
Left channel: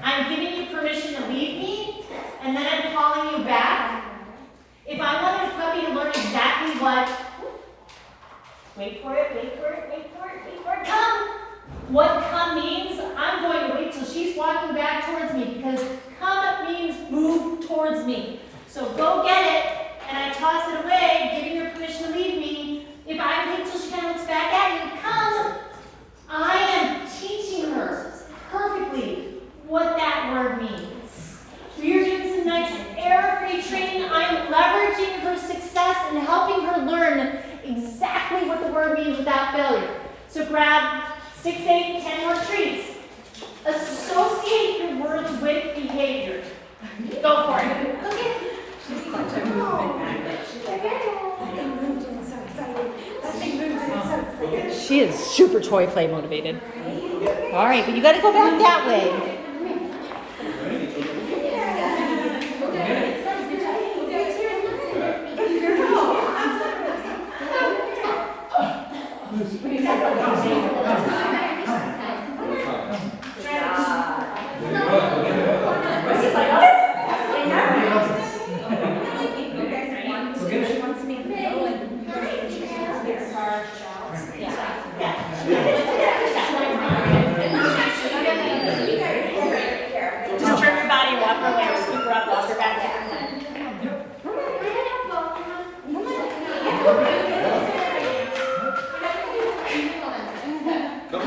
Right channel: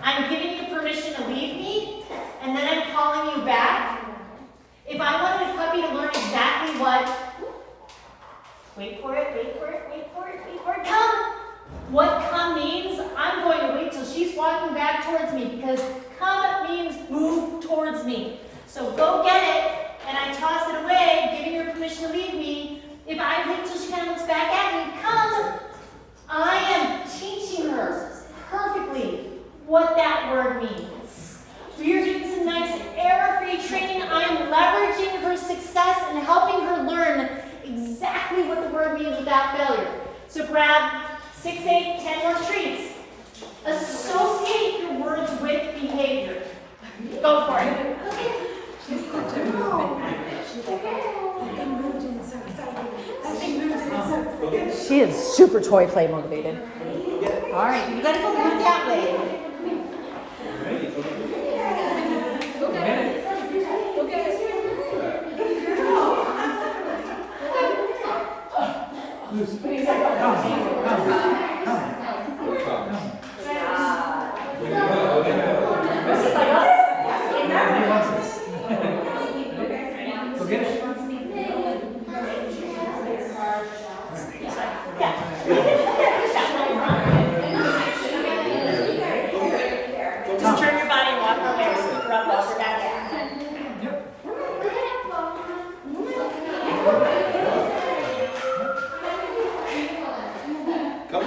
I'm giving you permission to leave me, and then I'm calling you back. If I wanted a puppy to learn exactly what, wait for it, come. What come means, I'm going to wait till she's walking back towards me, because come means move towards me. So go get it, and I toss it away, giving her permission to leave me. If I wait till she comes back at me, come, I am teaching her perfectly what that word means. We are doing some nice error-free training. I'm leveraging her success and helping her learn exactly what the word means without failure. So grab 6, 8, 10 more treats. Associate your words with behavior. Go for it. She is super toy play motivated. All right, but you got to go back that way. Just turn your body around her way or scoop her up off her back. Come.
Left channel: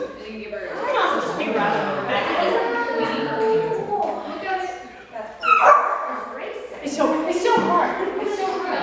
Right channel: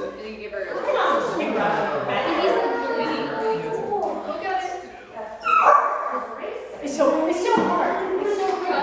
And you give her. Just pick her up. It's so hard. It's so hard.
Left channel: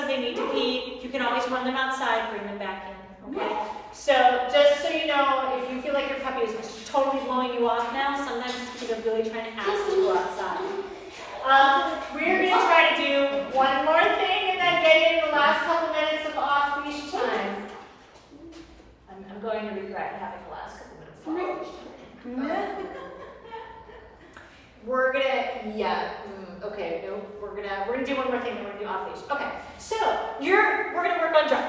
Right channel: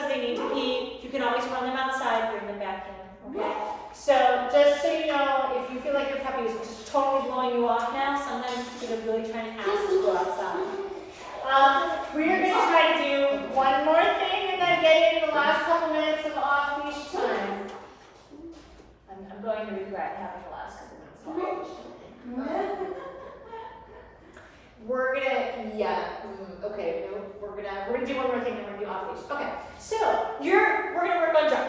because they need to pee, you can always run them outside, bring them back in, okay? So just so you know, if you feel like your puppy is just totally blowing you off now, sometimes they're really trying to ask to go outside. We're going to try to do one more thing and then get in the last couple minutes of off-leash time. I'm going to regret having the last couple minutes of off-leash time. We're gonna do one more thing and we're gonna do off-leash. Okay, so we're gonna work on drop.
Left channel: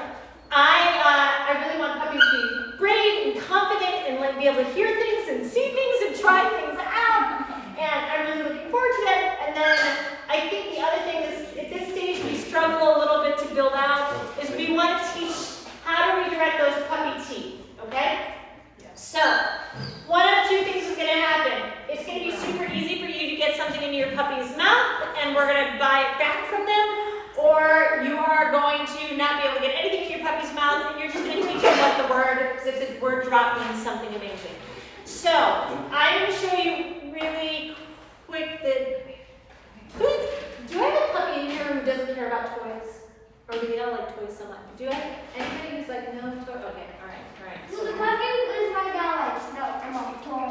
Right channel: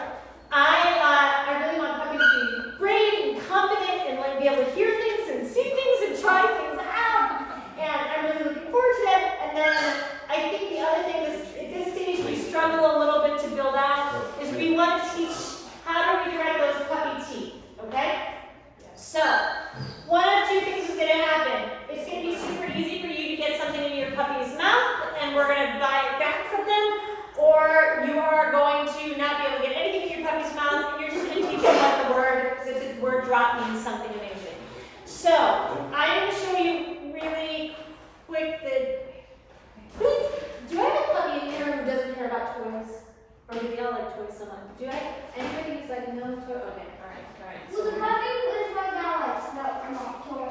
I really want puppies to be brave and confident and like be able to hear things and see things and try things out. And I'm really looking forward to that. And then I think the other thing is at this stage we struggle a little bit to build out is we want to teach how to redirect those puppy teeth. Okay? So one of two things is gonna happen. It's gonna be super easy for you to get something in your puppy's mouth and we're gonna buy it back from them, or you are going to not be able to get anything in your puppy's mouth and you're just gonna teach them about the word drop means something amazing. So I'm gonna show you really quick do I have a puppy in here who doesn't care about toys? Or do they don't like toys so much? Do I have anybody who's like, no toy? Okay, alright. Well, the puppy is right now, like, no,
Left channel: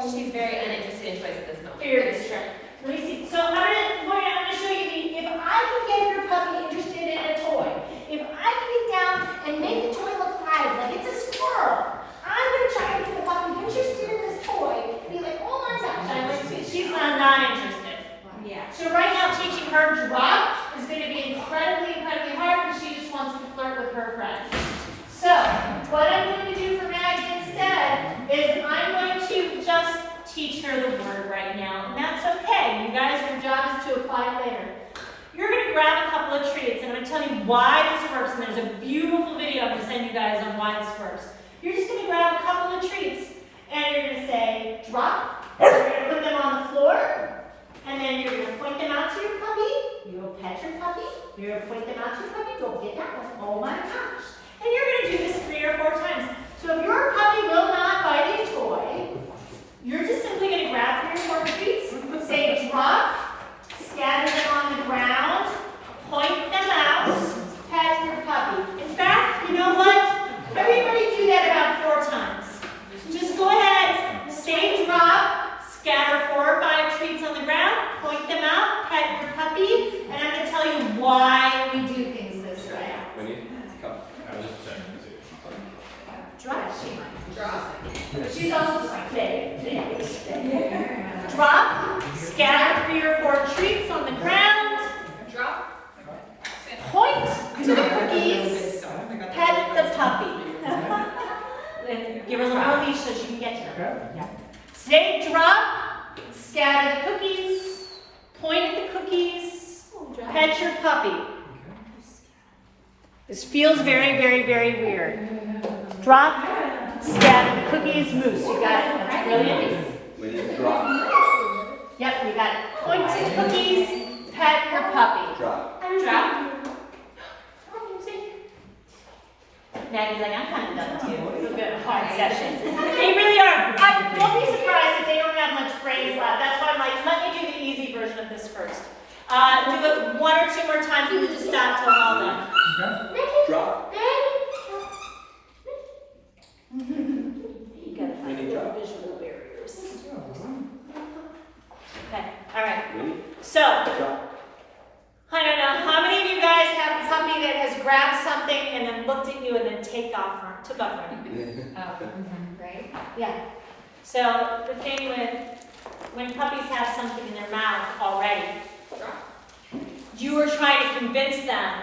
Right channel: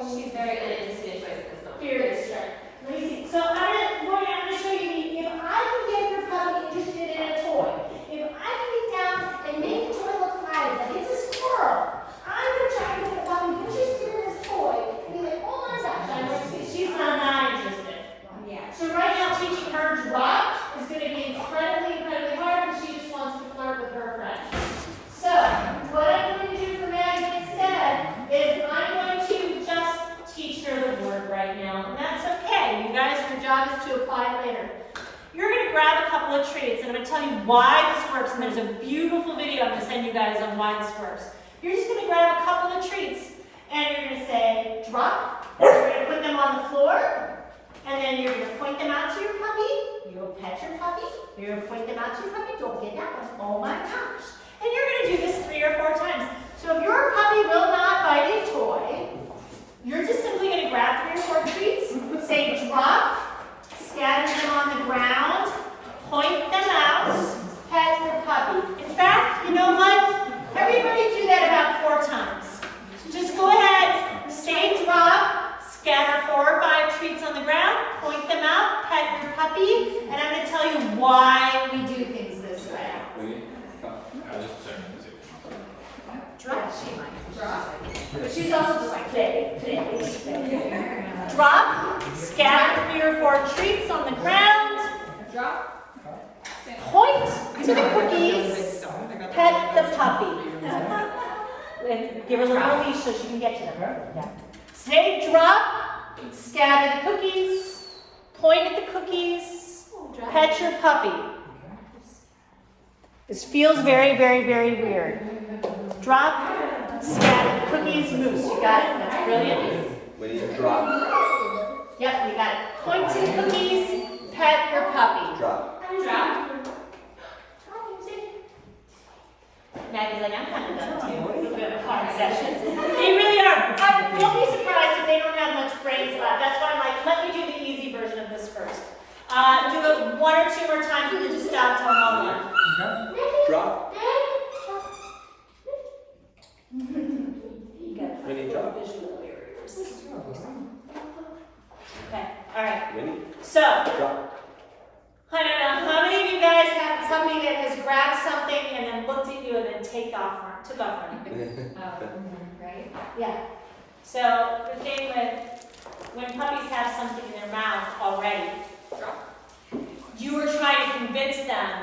toys. She's very uninterested in toys at this moment. Very strict. Let me see. So I'm gonna show you if I can get your puppy interested in a toy, if I can get down and make the toy look alive, like it's a squirrel, I'm gonna try to get the puppy interested in this toy and be like, oh my gosh, and I'm gonna see she's not interested. Yeah. So right now teaching her drop is gonna be incredibly hard because she just wants to flirt with her friends. So what I'm going to do for Maggie instead is I'm going to just teach her the word right now, and that's okay. You guys, your job is to apply it later. You're going to grab a couple of treats, and I'm going to tell you why this works, and there's a beautiful video I'm going to send you guys on why this works. You're just going to grab a couple of treats, and you're going to say, drop. You're going to put them on the floor, and then you're going to point them out to your puppy. You'll pet your puppy. You're going to point them out to your puppy. Don't get that one. Oh my gosh. And you're going to do this 3 or 4 times. So if your puppy will not bite a toy, you're just simply going to grab 3 or 4 treats, say drop, scatter them on the ground, point them out, pet your puppy. In fact, you know what? Everybody do that about 4 times. Just go ahead, say drop, scatter 4 or 5 treats on the ground, point them out, pet your puppy, and I'm going to tell you why we do things this way. Drop. But she's also just like play. Drop. Scatter 3 or 4 treats on the ground. Drop. Point to the cookies. Pet the puppy. Then give her a little leash so she can get to them. Say drop. Scatter the cookies. Point at the cookies. Pet your puppy. This feels very weird. Drop, scatter the cookies, moose. You got it. That's brilliant. When you drop. Yep, we got it. Point to the cookies, pet your puppy. Drop. Drop. Maggie's like, I'm kind of done with you. It's a bit of a hard session. They really are. Don't be surprised if they don't have much brains left. That's why I'm like, let me do the easy version of this first. Do the 1 or 2 more times and we just stop till I'm all done. Drop. When you drop. Okay, all right. When So, drop. I don't know how many of you guys have somebody that has grabbed something and then looked at you and then took off running. Right? Yeah. So the thing with when puppies have something in their mouth already, you are trying to convince them.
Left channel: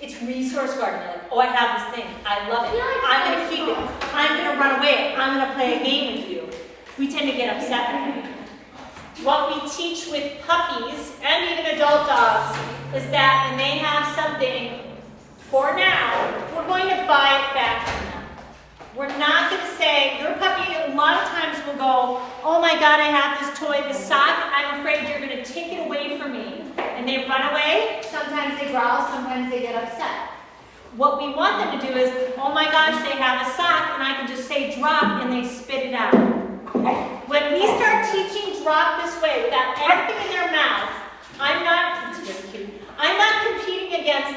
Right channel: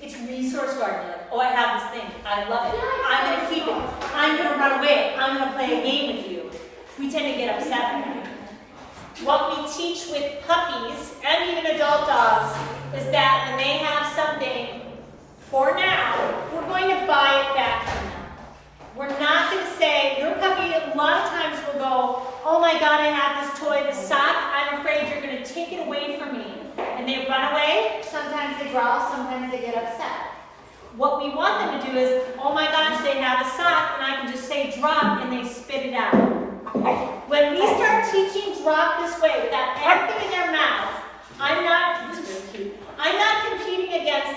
It's resource guarding. They're like, oh, I have this thing. I love it. I'm going to keep it. I'm going to run away. I'm going to play a game with you. We tend to get upset with them. What we teach with puppies and even adult dogs is that when they have something for now, we're going to buy it back from them. We're not going to say, your puppy a lot of times will go, oh my God, I have this toy, this sock. I'm afraid you're going to take it away from me. And they run away. Sometimes they growl, sometimes they get upset. What we want them to do is, oh my gosh, they have a sock, and I can just say drop, and they spit it out. When we start teaching drop this way, without anything in their mouth, I'm not competing against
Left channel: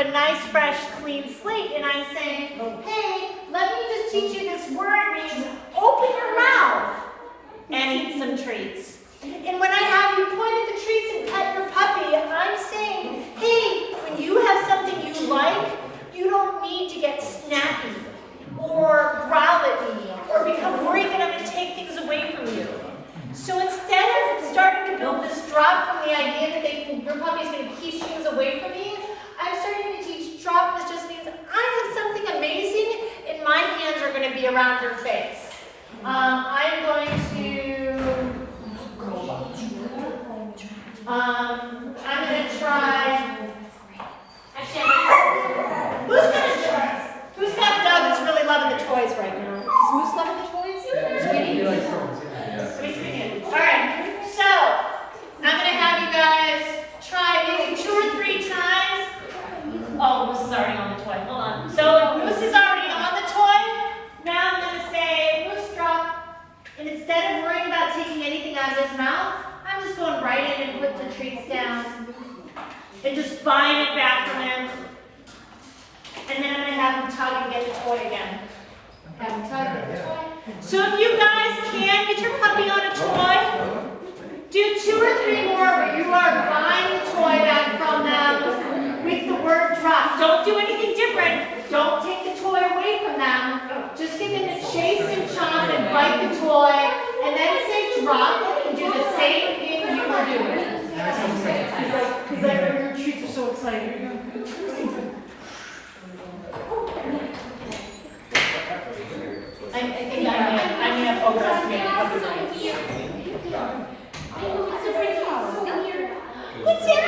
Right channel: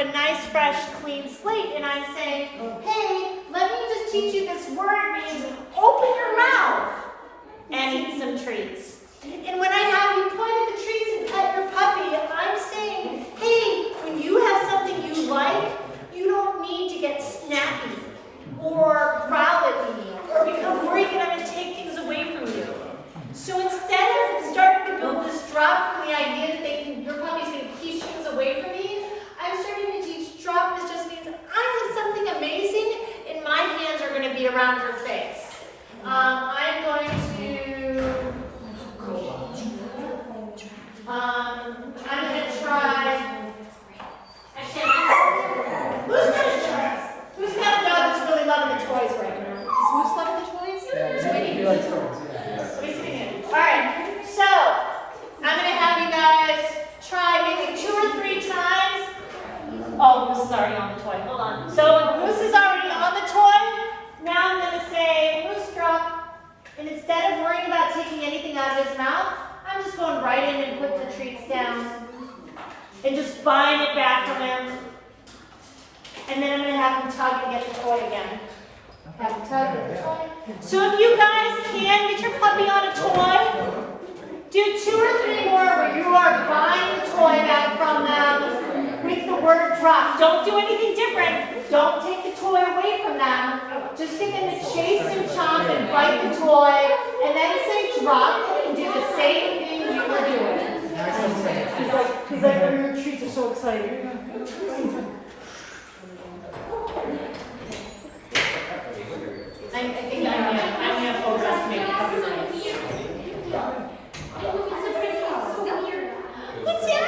have a nice, fresh, clean slate, and I'm saying, hey, let me just teach you this word means open your mouth and eat some treats. And when I have you point at the treats and pet your puppy, I'm saying, hey, when you have something you like, you don't need to get snappy or growl at me or become worried that I'm going to take things away from you. So instead of starting to build this drop from the idea that your puppy's going to keep things away from me, I'm starting to teach drop. This just means I have something amazing and my hands are going to be around your face. I'm going to try. Actually, who's got a dog that's really loving the toys right now? Is Moose loving the toys? Sweetie? Alright, so I'm gonna have you guys try maybe 2 or 3 times. Oh, Moose is already on the toy. Hold on. So Moose is already on the toy. Now I'm gonna say Moose drop. And instead of worrying about taking anything out of his mouth, I'm just going right in and put the treats down. And just buying it back from him. And then I'm going to have him tug and get the toy again. Have him tug and get the toy. So if you guys can get your puppy on a toy, do 2 or 3 more where you are buying the toy back from them with the word drop. Don't do anything different. Don't take the toy away from them. Just get them to chase and chomp and bite the toy and then say drop and do the same thing you were doing. He's like, your treats are so exciting. I think I may have overestimated puppy brains. What's that?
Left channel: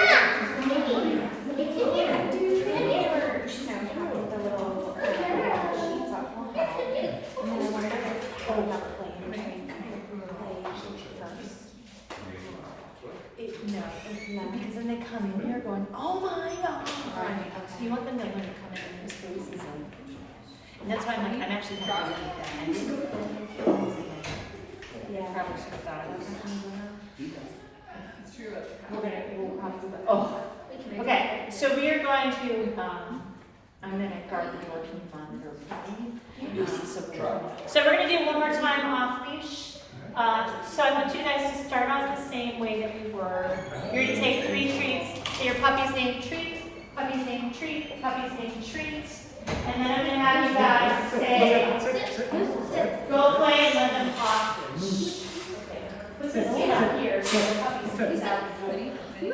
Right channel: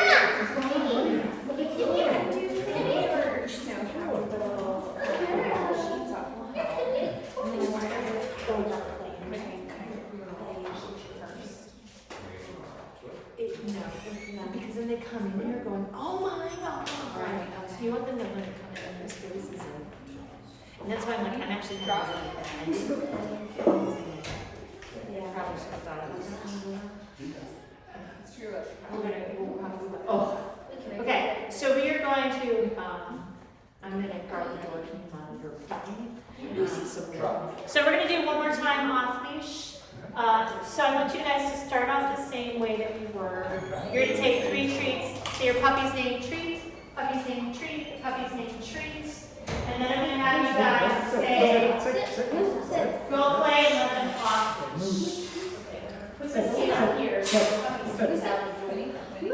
No, because then they come in here going, oh my God. So you want them to learn to come in their spaces and that's why I'm like, I'm actually kind of hesitant that I didn't. Probably should have thought of this. We'll probably, okay, so we are going to, I'm going to guard the door. Can you monitor me? So we're going to do one more time off leash. So I want you guys to start off the same way that we were. You're going to take 3 treats. Say your puppy's name treat, puppy's name treat, puppy's name treat. And then I'm going to have you guys say, go play and let them off. Who's going to stay out here? So the puppy's going to stay out here. And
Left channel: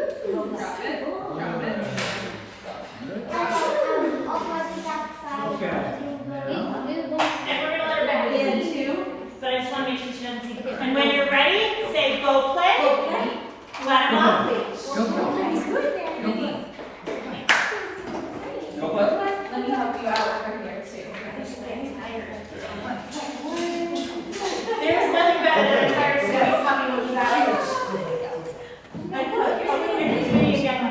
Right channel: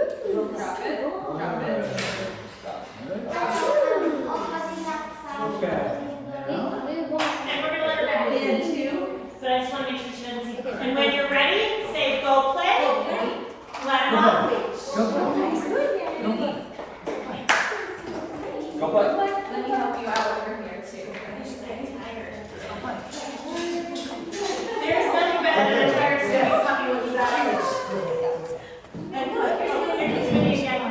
we're going to let her back in too. But I just want to make sure she doesn't see. And when you're ready, say go play. Let them off, please. Go play. Let me help you out over here too. There's nothing better than a tired sweat puppy looking that much. I know it. It's really again.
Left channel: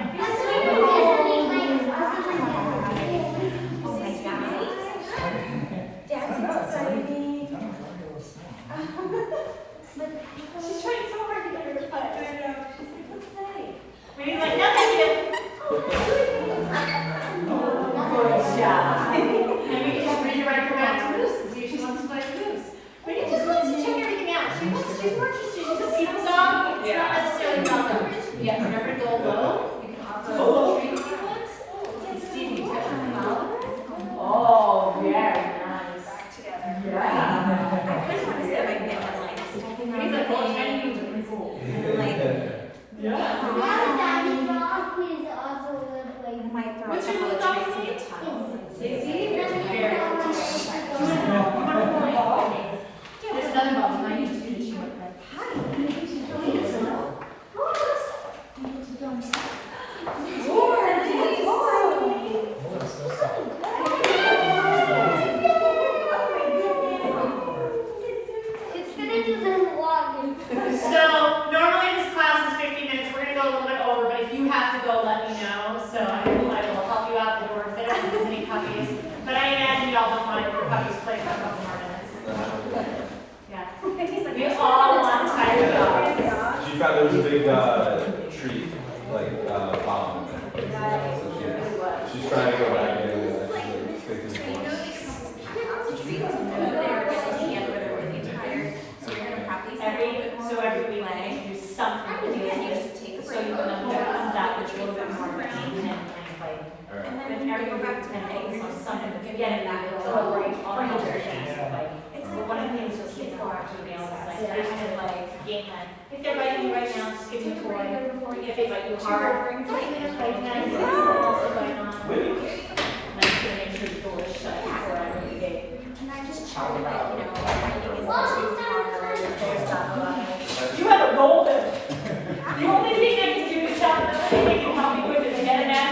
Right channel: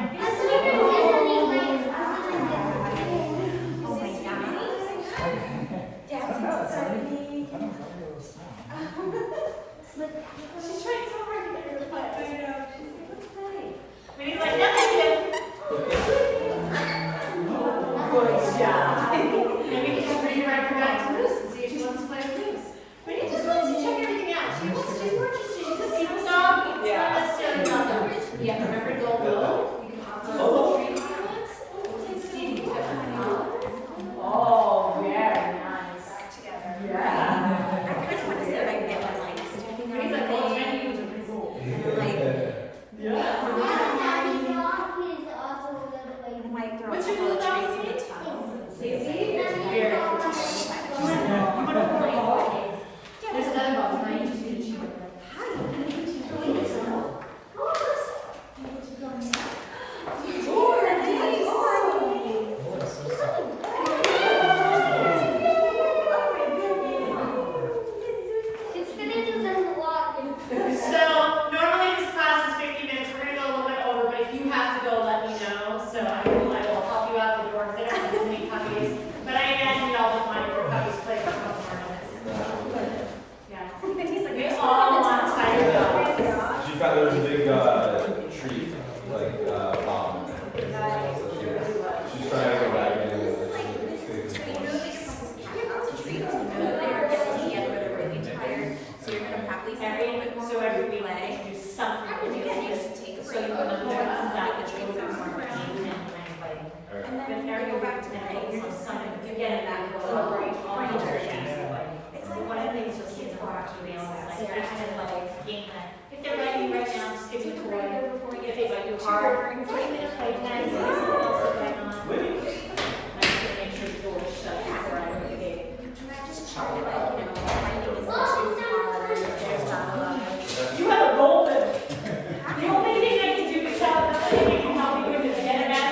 Oh my God. Dad's excited. She's trying so hard to get her to play. I know. And he's like, nothing good. And we can just bring her right back to Moose and see if she wants to play with Moose. But he just wants to check everything out. She's more interested. She's a secret dog. It's not necessarily about numbers. Yeah, remember to go low. You can also treat people. Stevie too. Oh, very nice. Back together. Yeah. I just want to see if I can get them like stepping on He's the like, well, thing. I need to be cool. And then like, Daddy Rock is also good I like. might throw a What's your couple of dog's treats in name? the tunnels and see. See? Daddy Rock. There's another one. I need to teach you. It's gonna do this a lot. So normally this class is 15 minutes. We're gonna go a little bit over, but if you have to go, let me know. So I will help you out the door if there are any puppies. But I imagine y'all don't mind if your puppies play for a couple more minutes. Yeah. We all want tired dogs. She found there was a big tree, like bomb. She's trying to go every week play. we do something. Yeah, you just take a So break, you put know, the what comes out, treats the are treats are more more around, and and then you go back to play. You're just kind of you get it back. It's like One of the things that kids go out to be honest, like they're kind of like game like, if they're ready right now, just give me take a a toy. breather before you If get they like your too car, boring. like nice, stuff going on. Nice to make sure the door is shut before I really get. And I just try to like, you know, finding isn't too hard, if there's not a lot of. You have a role in it. The only thing you have to do is shout, they can help you with the internet.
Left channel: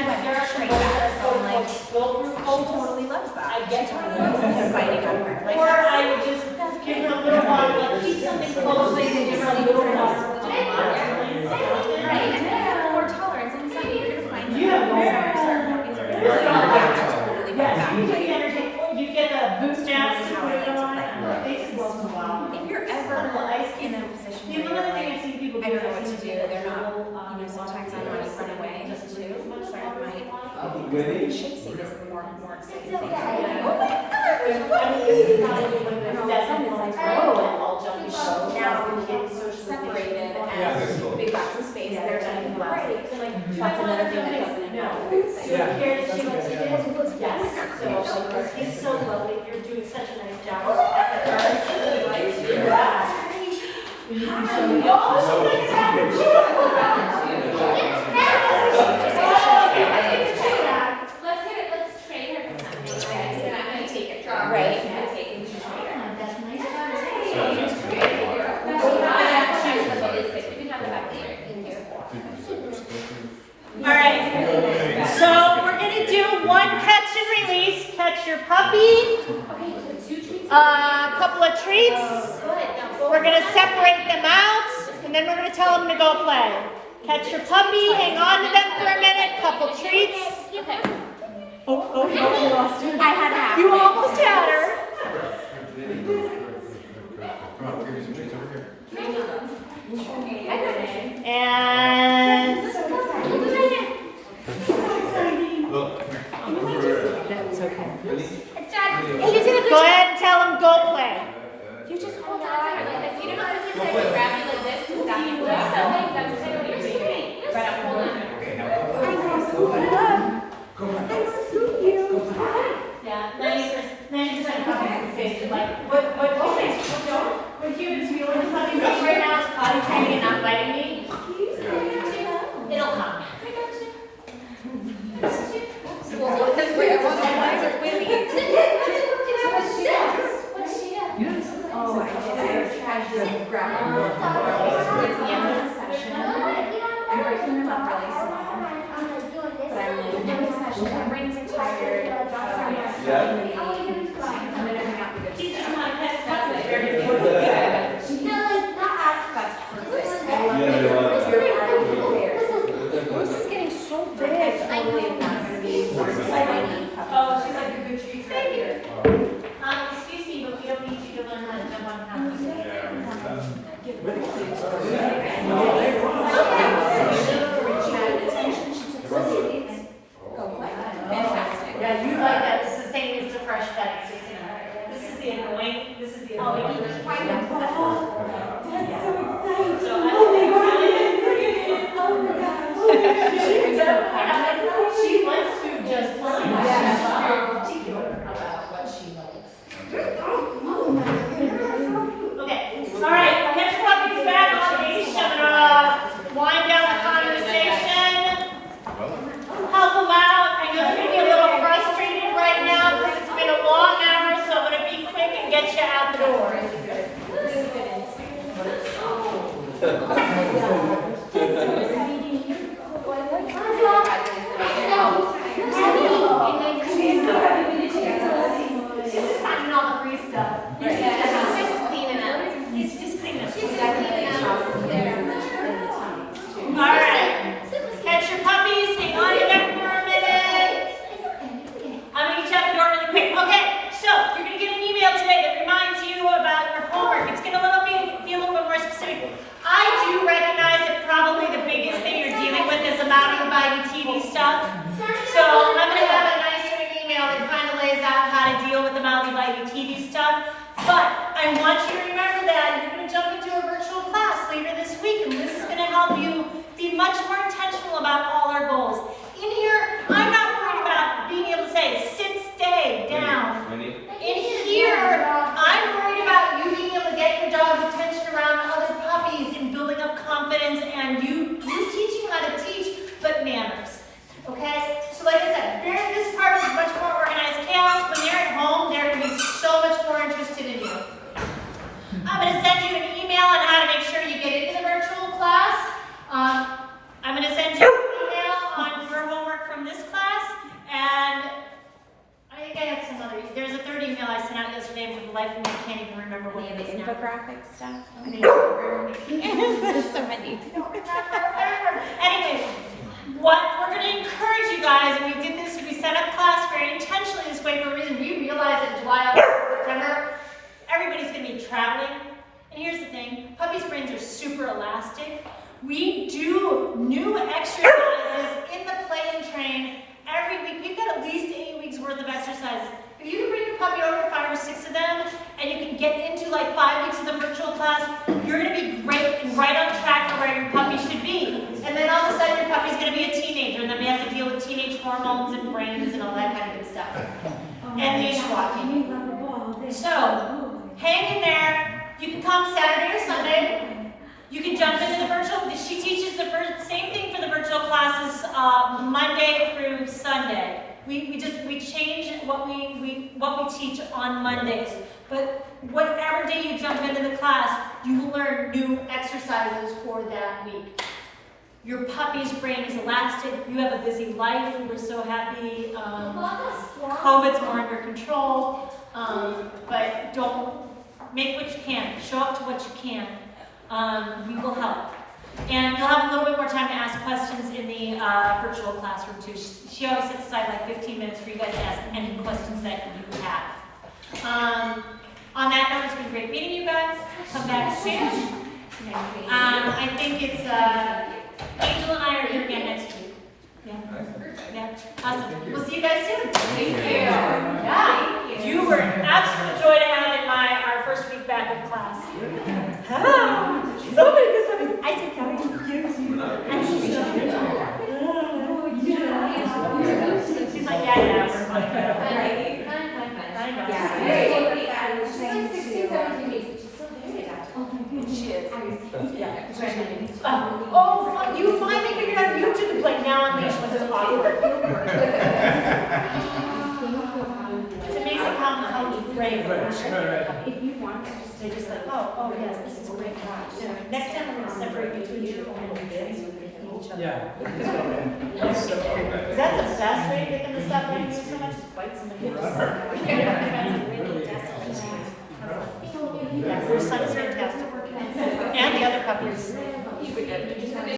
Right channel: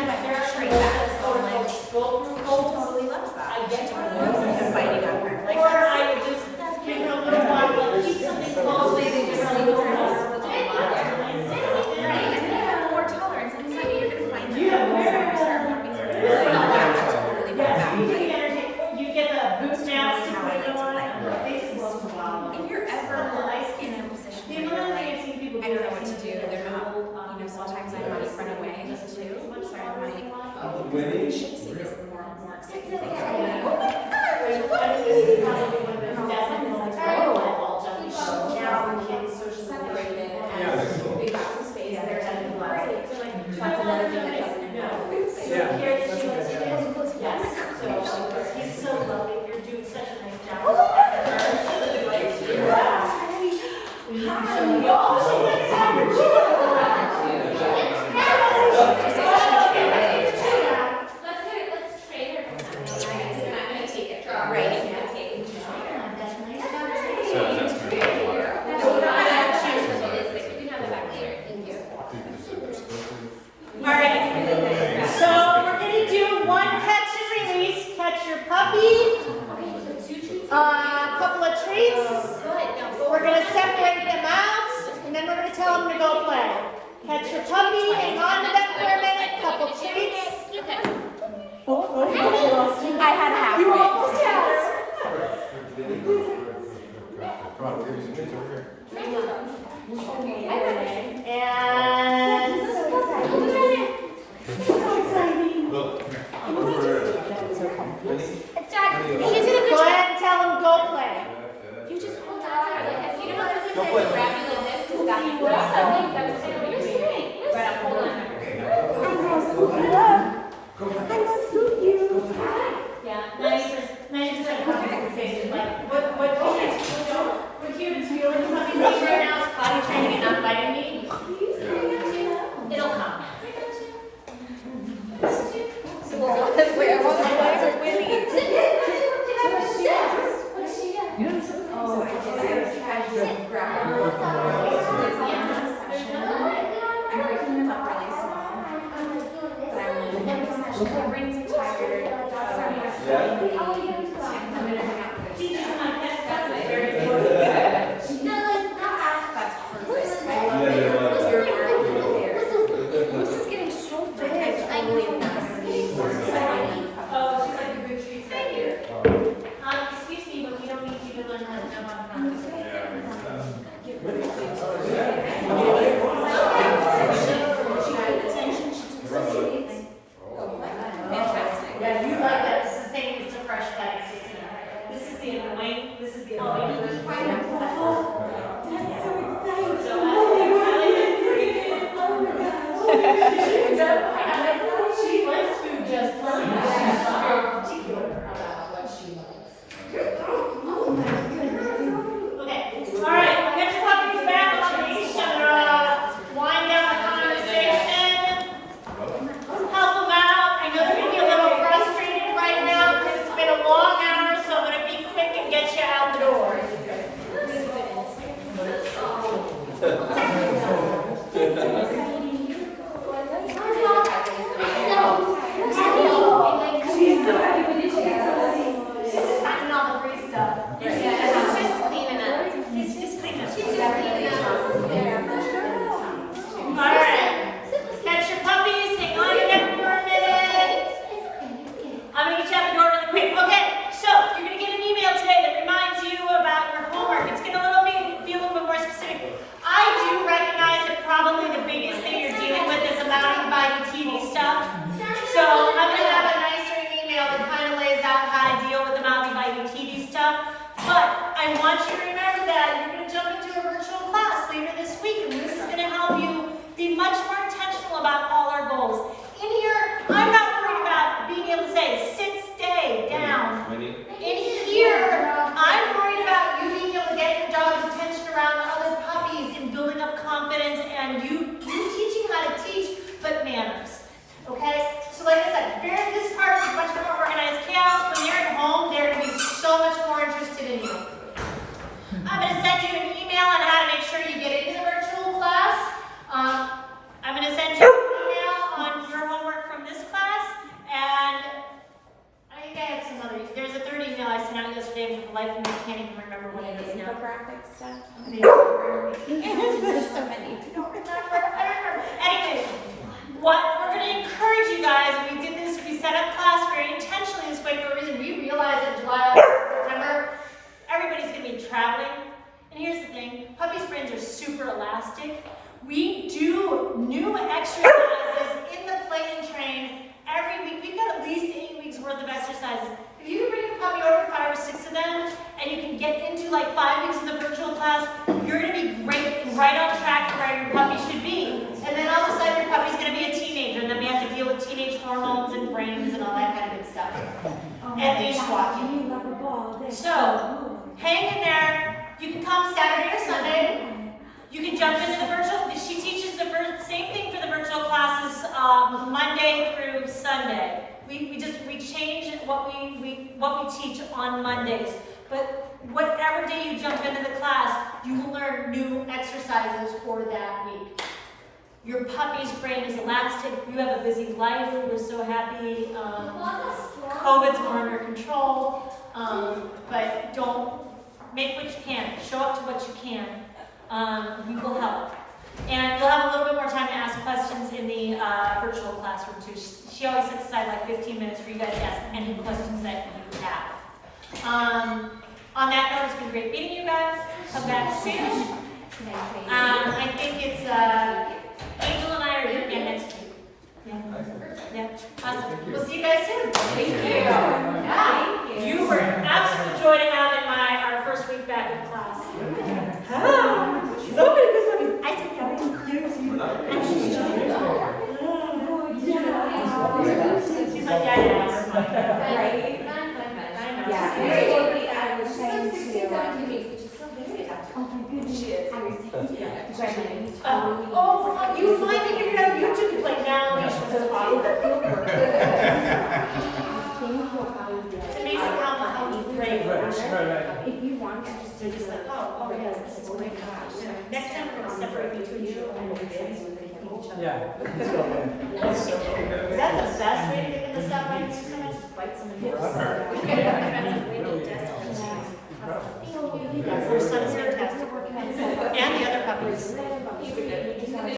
Straight back, so I'm like, Cole totally loves that. She totally loves him biting on her. Like, Or I would just give her a little bottle and keep something close, they can just leave her house. right, and they have more tolerance, and it's like, you're gonna find that certain puppies are gonna be like, yeah, I totally went back, like, You get the boost-outs. how I like to play. They just love to wow. If you're ever in a position where you're like, I don't know what to do, they're not, you know, sometimes I might run away too, so I might, chasing is the more exciting thing. So I'm like, oh my gosh, now separated and big box of space, they're done in great. That's another thing that doesn't include. Yeah, that's a good, Yes, so it's so lovely, you're doing such a nice job. Let's trade her. I'm gonna take it. Right. I'm gonna take it and just trade her. So that's gonna be a lot. You can have it back here. Thank you. All right, so we're gonna do one catch and release. Catch your puppy, Okay, so 2 treats. a couple of treats. We're gonna separate them out, and then we're gonna tell them to go play. Catch your puppy, hang on to them for a minute, couple treats. I had half. You almost had her. Come on, give me some treats over here. And go ahead and tell them go play. You just hold on to her like this. You know how sometimes I can grab you like this to stop you? That's kind of what you're doing. But I'm holding on to her. Yeah, 90% of puppies can say like, what humans we only puppies right now is potty training and not biting me. It'll come. I'm breaking them up really small, but I'm like, my brains are tired, He just want to catch stuff like very good. Bruce is getting so big. I know. Oh, she's like a good treat right here. Excuse me, but we don't need you to learn how to jump on counters. Fantastic. Yeah, you like that. It's the same as the fresh cut. It's just, you know, this is the annoying, this is the annoying. She likes food just fine. You're particular about what she likes. Okay, all right, get your puppies back on the leash and wind down the conversation. Help them out. I know they're gonna be a little frustrated right now because it's been a long hour, so I'm gonna be quick and get you out the door. She's just finding all the free stuff. She's just cleaning up. She's just cleaning up. She's just cleaning up. All right. Catch your puppies. Hang on to them for a minute. I'm gonna get you out the door really quick. Okay, so you're gonna get an email today that reminds you about your homework. It's gonna be a little bit more specific. I do recognize that probably the biggest thing you're dealing with is the mounting by TV stuff. So I'm gonna have a nicer email that kind of lays out how to deal with the mounting by TV stuff. But I want you to remember that you're gonna jump into a virtual class later much more intentional about all our goals. In here, I'm not worried about being able to say, sit, stay, down. In here, I'm worried about you being able to get your dog's attention around other puppies and building up confidence and you teaching how to teach, but manners. Okay? So like I said, this part is much more organized chaos. When they're at home, they're going to be so much more interested in you. I'm going to send you an email on how to make sure you get into the virtual class. I'm going to send you an email on your homework from this class, and I think I had some other. There's a third email I sent out yesterday, but for the life of me, I can't even remember what it is now. Infographic stuff. There's so many. I don't remember. Anyway, what we're going to encourage you guys, and we did this, we set up class very intentionally this way for a reason. We realized that July, August, September, everybody's going to be traveling. And here's the thing, puppies' brains are super elastic. We do new exercises in the play and train every week. We've got at least 8 weeks worth of exercises. If you can bring your puppy over 5 or 6 of them, and you can get into like 5 weeks of the virtual class, you're going to be great and right on track for where your puppy should be. And then all of a sudden your puppy's going to be a teenager, and then we have to deal with teenage hormones and brains and all that kind of good stuff. And leash walking. So, hang in there. You can come Saturday or Sunday. You can jump into the virtual. She teaches the same thing for the virtual classes Monday through Sunday. We change what we teach on Mondays. But whatever day you jump into the class, you will learn new exercises for that week. Your puppy's brain is elastic. You have a busy life. We're so happy. COVID's more under control. But don't make what you can. Show up to what you can. We will help. And you'll have a little bit more time to ask questions in the virtual classroom too. She always sets aside like 15 minutes for you guys to ask any questions that you have. On that note, it's been great meeting you guys. Come back soon. I think it's Angel and I are here again next week. Yeah. Awesome. We'll see you guys soon. Thank you. Yeah. You were an absolute joy to have in our first week back of class. So many good stuff. I took out She's like, yeah, we're fine. I know. She's like 16, 17 weeks, but she's still very adaptable. She is. You finally figured out YouTube could play non-leash when it's awkward. It's amazing how brave they should be. They're just like, oh yes, this is great. Next time we're going to separate you two into your own little bits. You can eat each other. Yeah. Is that the best way to get them to stop biting you so much? Just bite somebody else. Yeah, your son is fantastic. And the other puppies.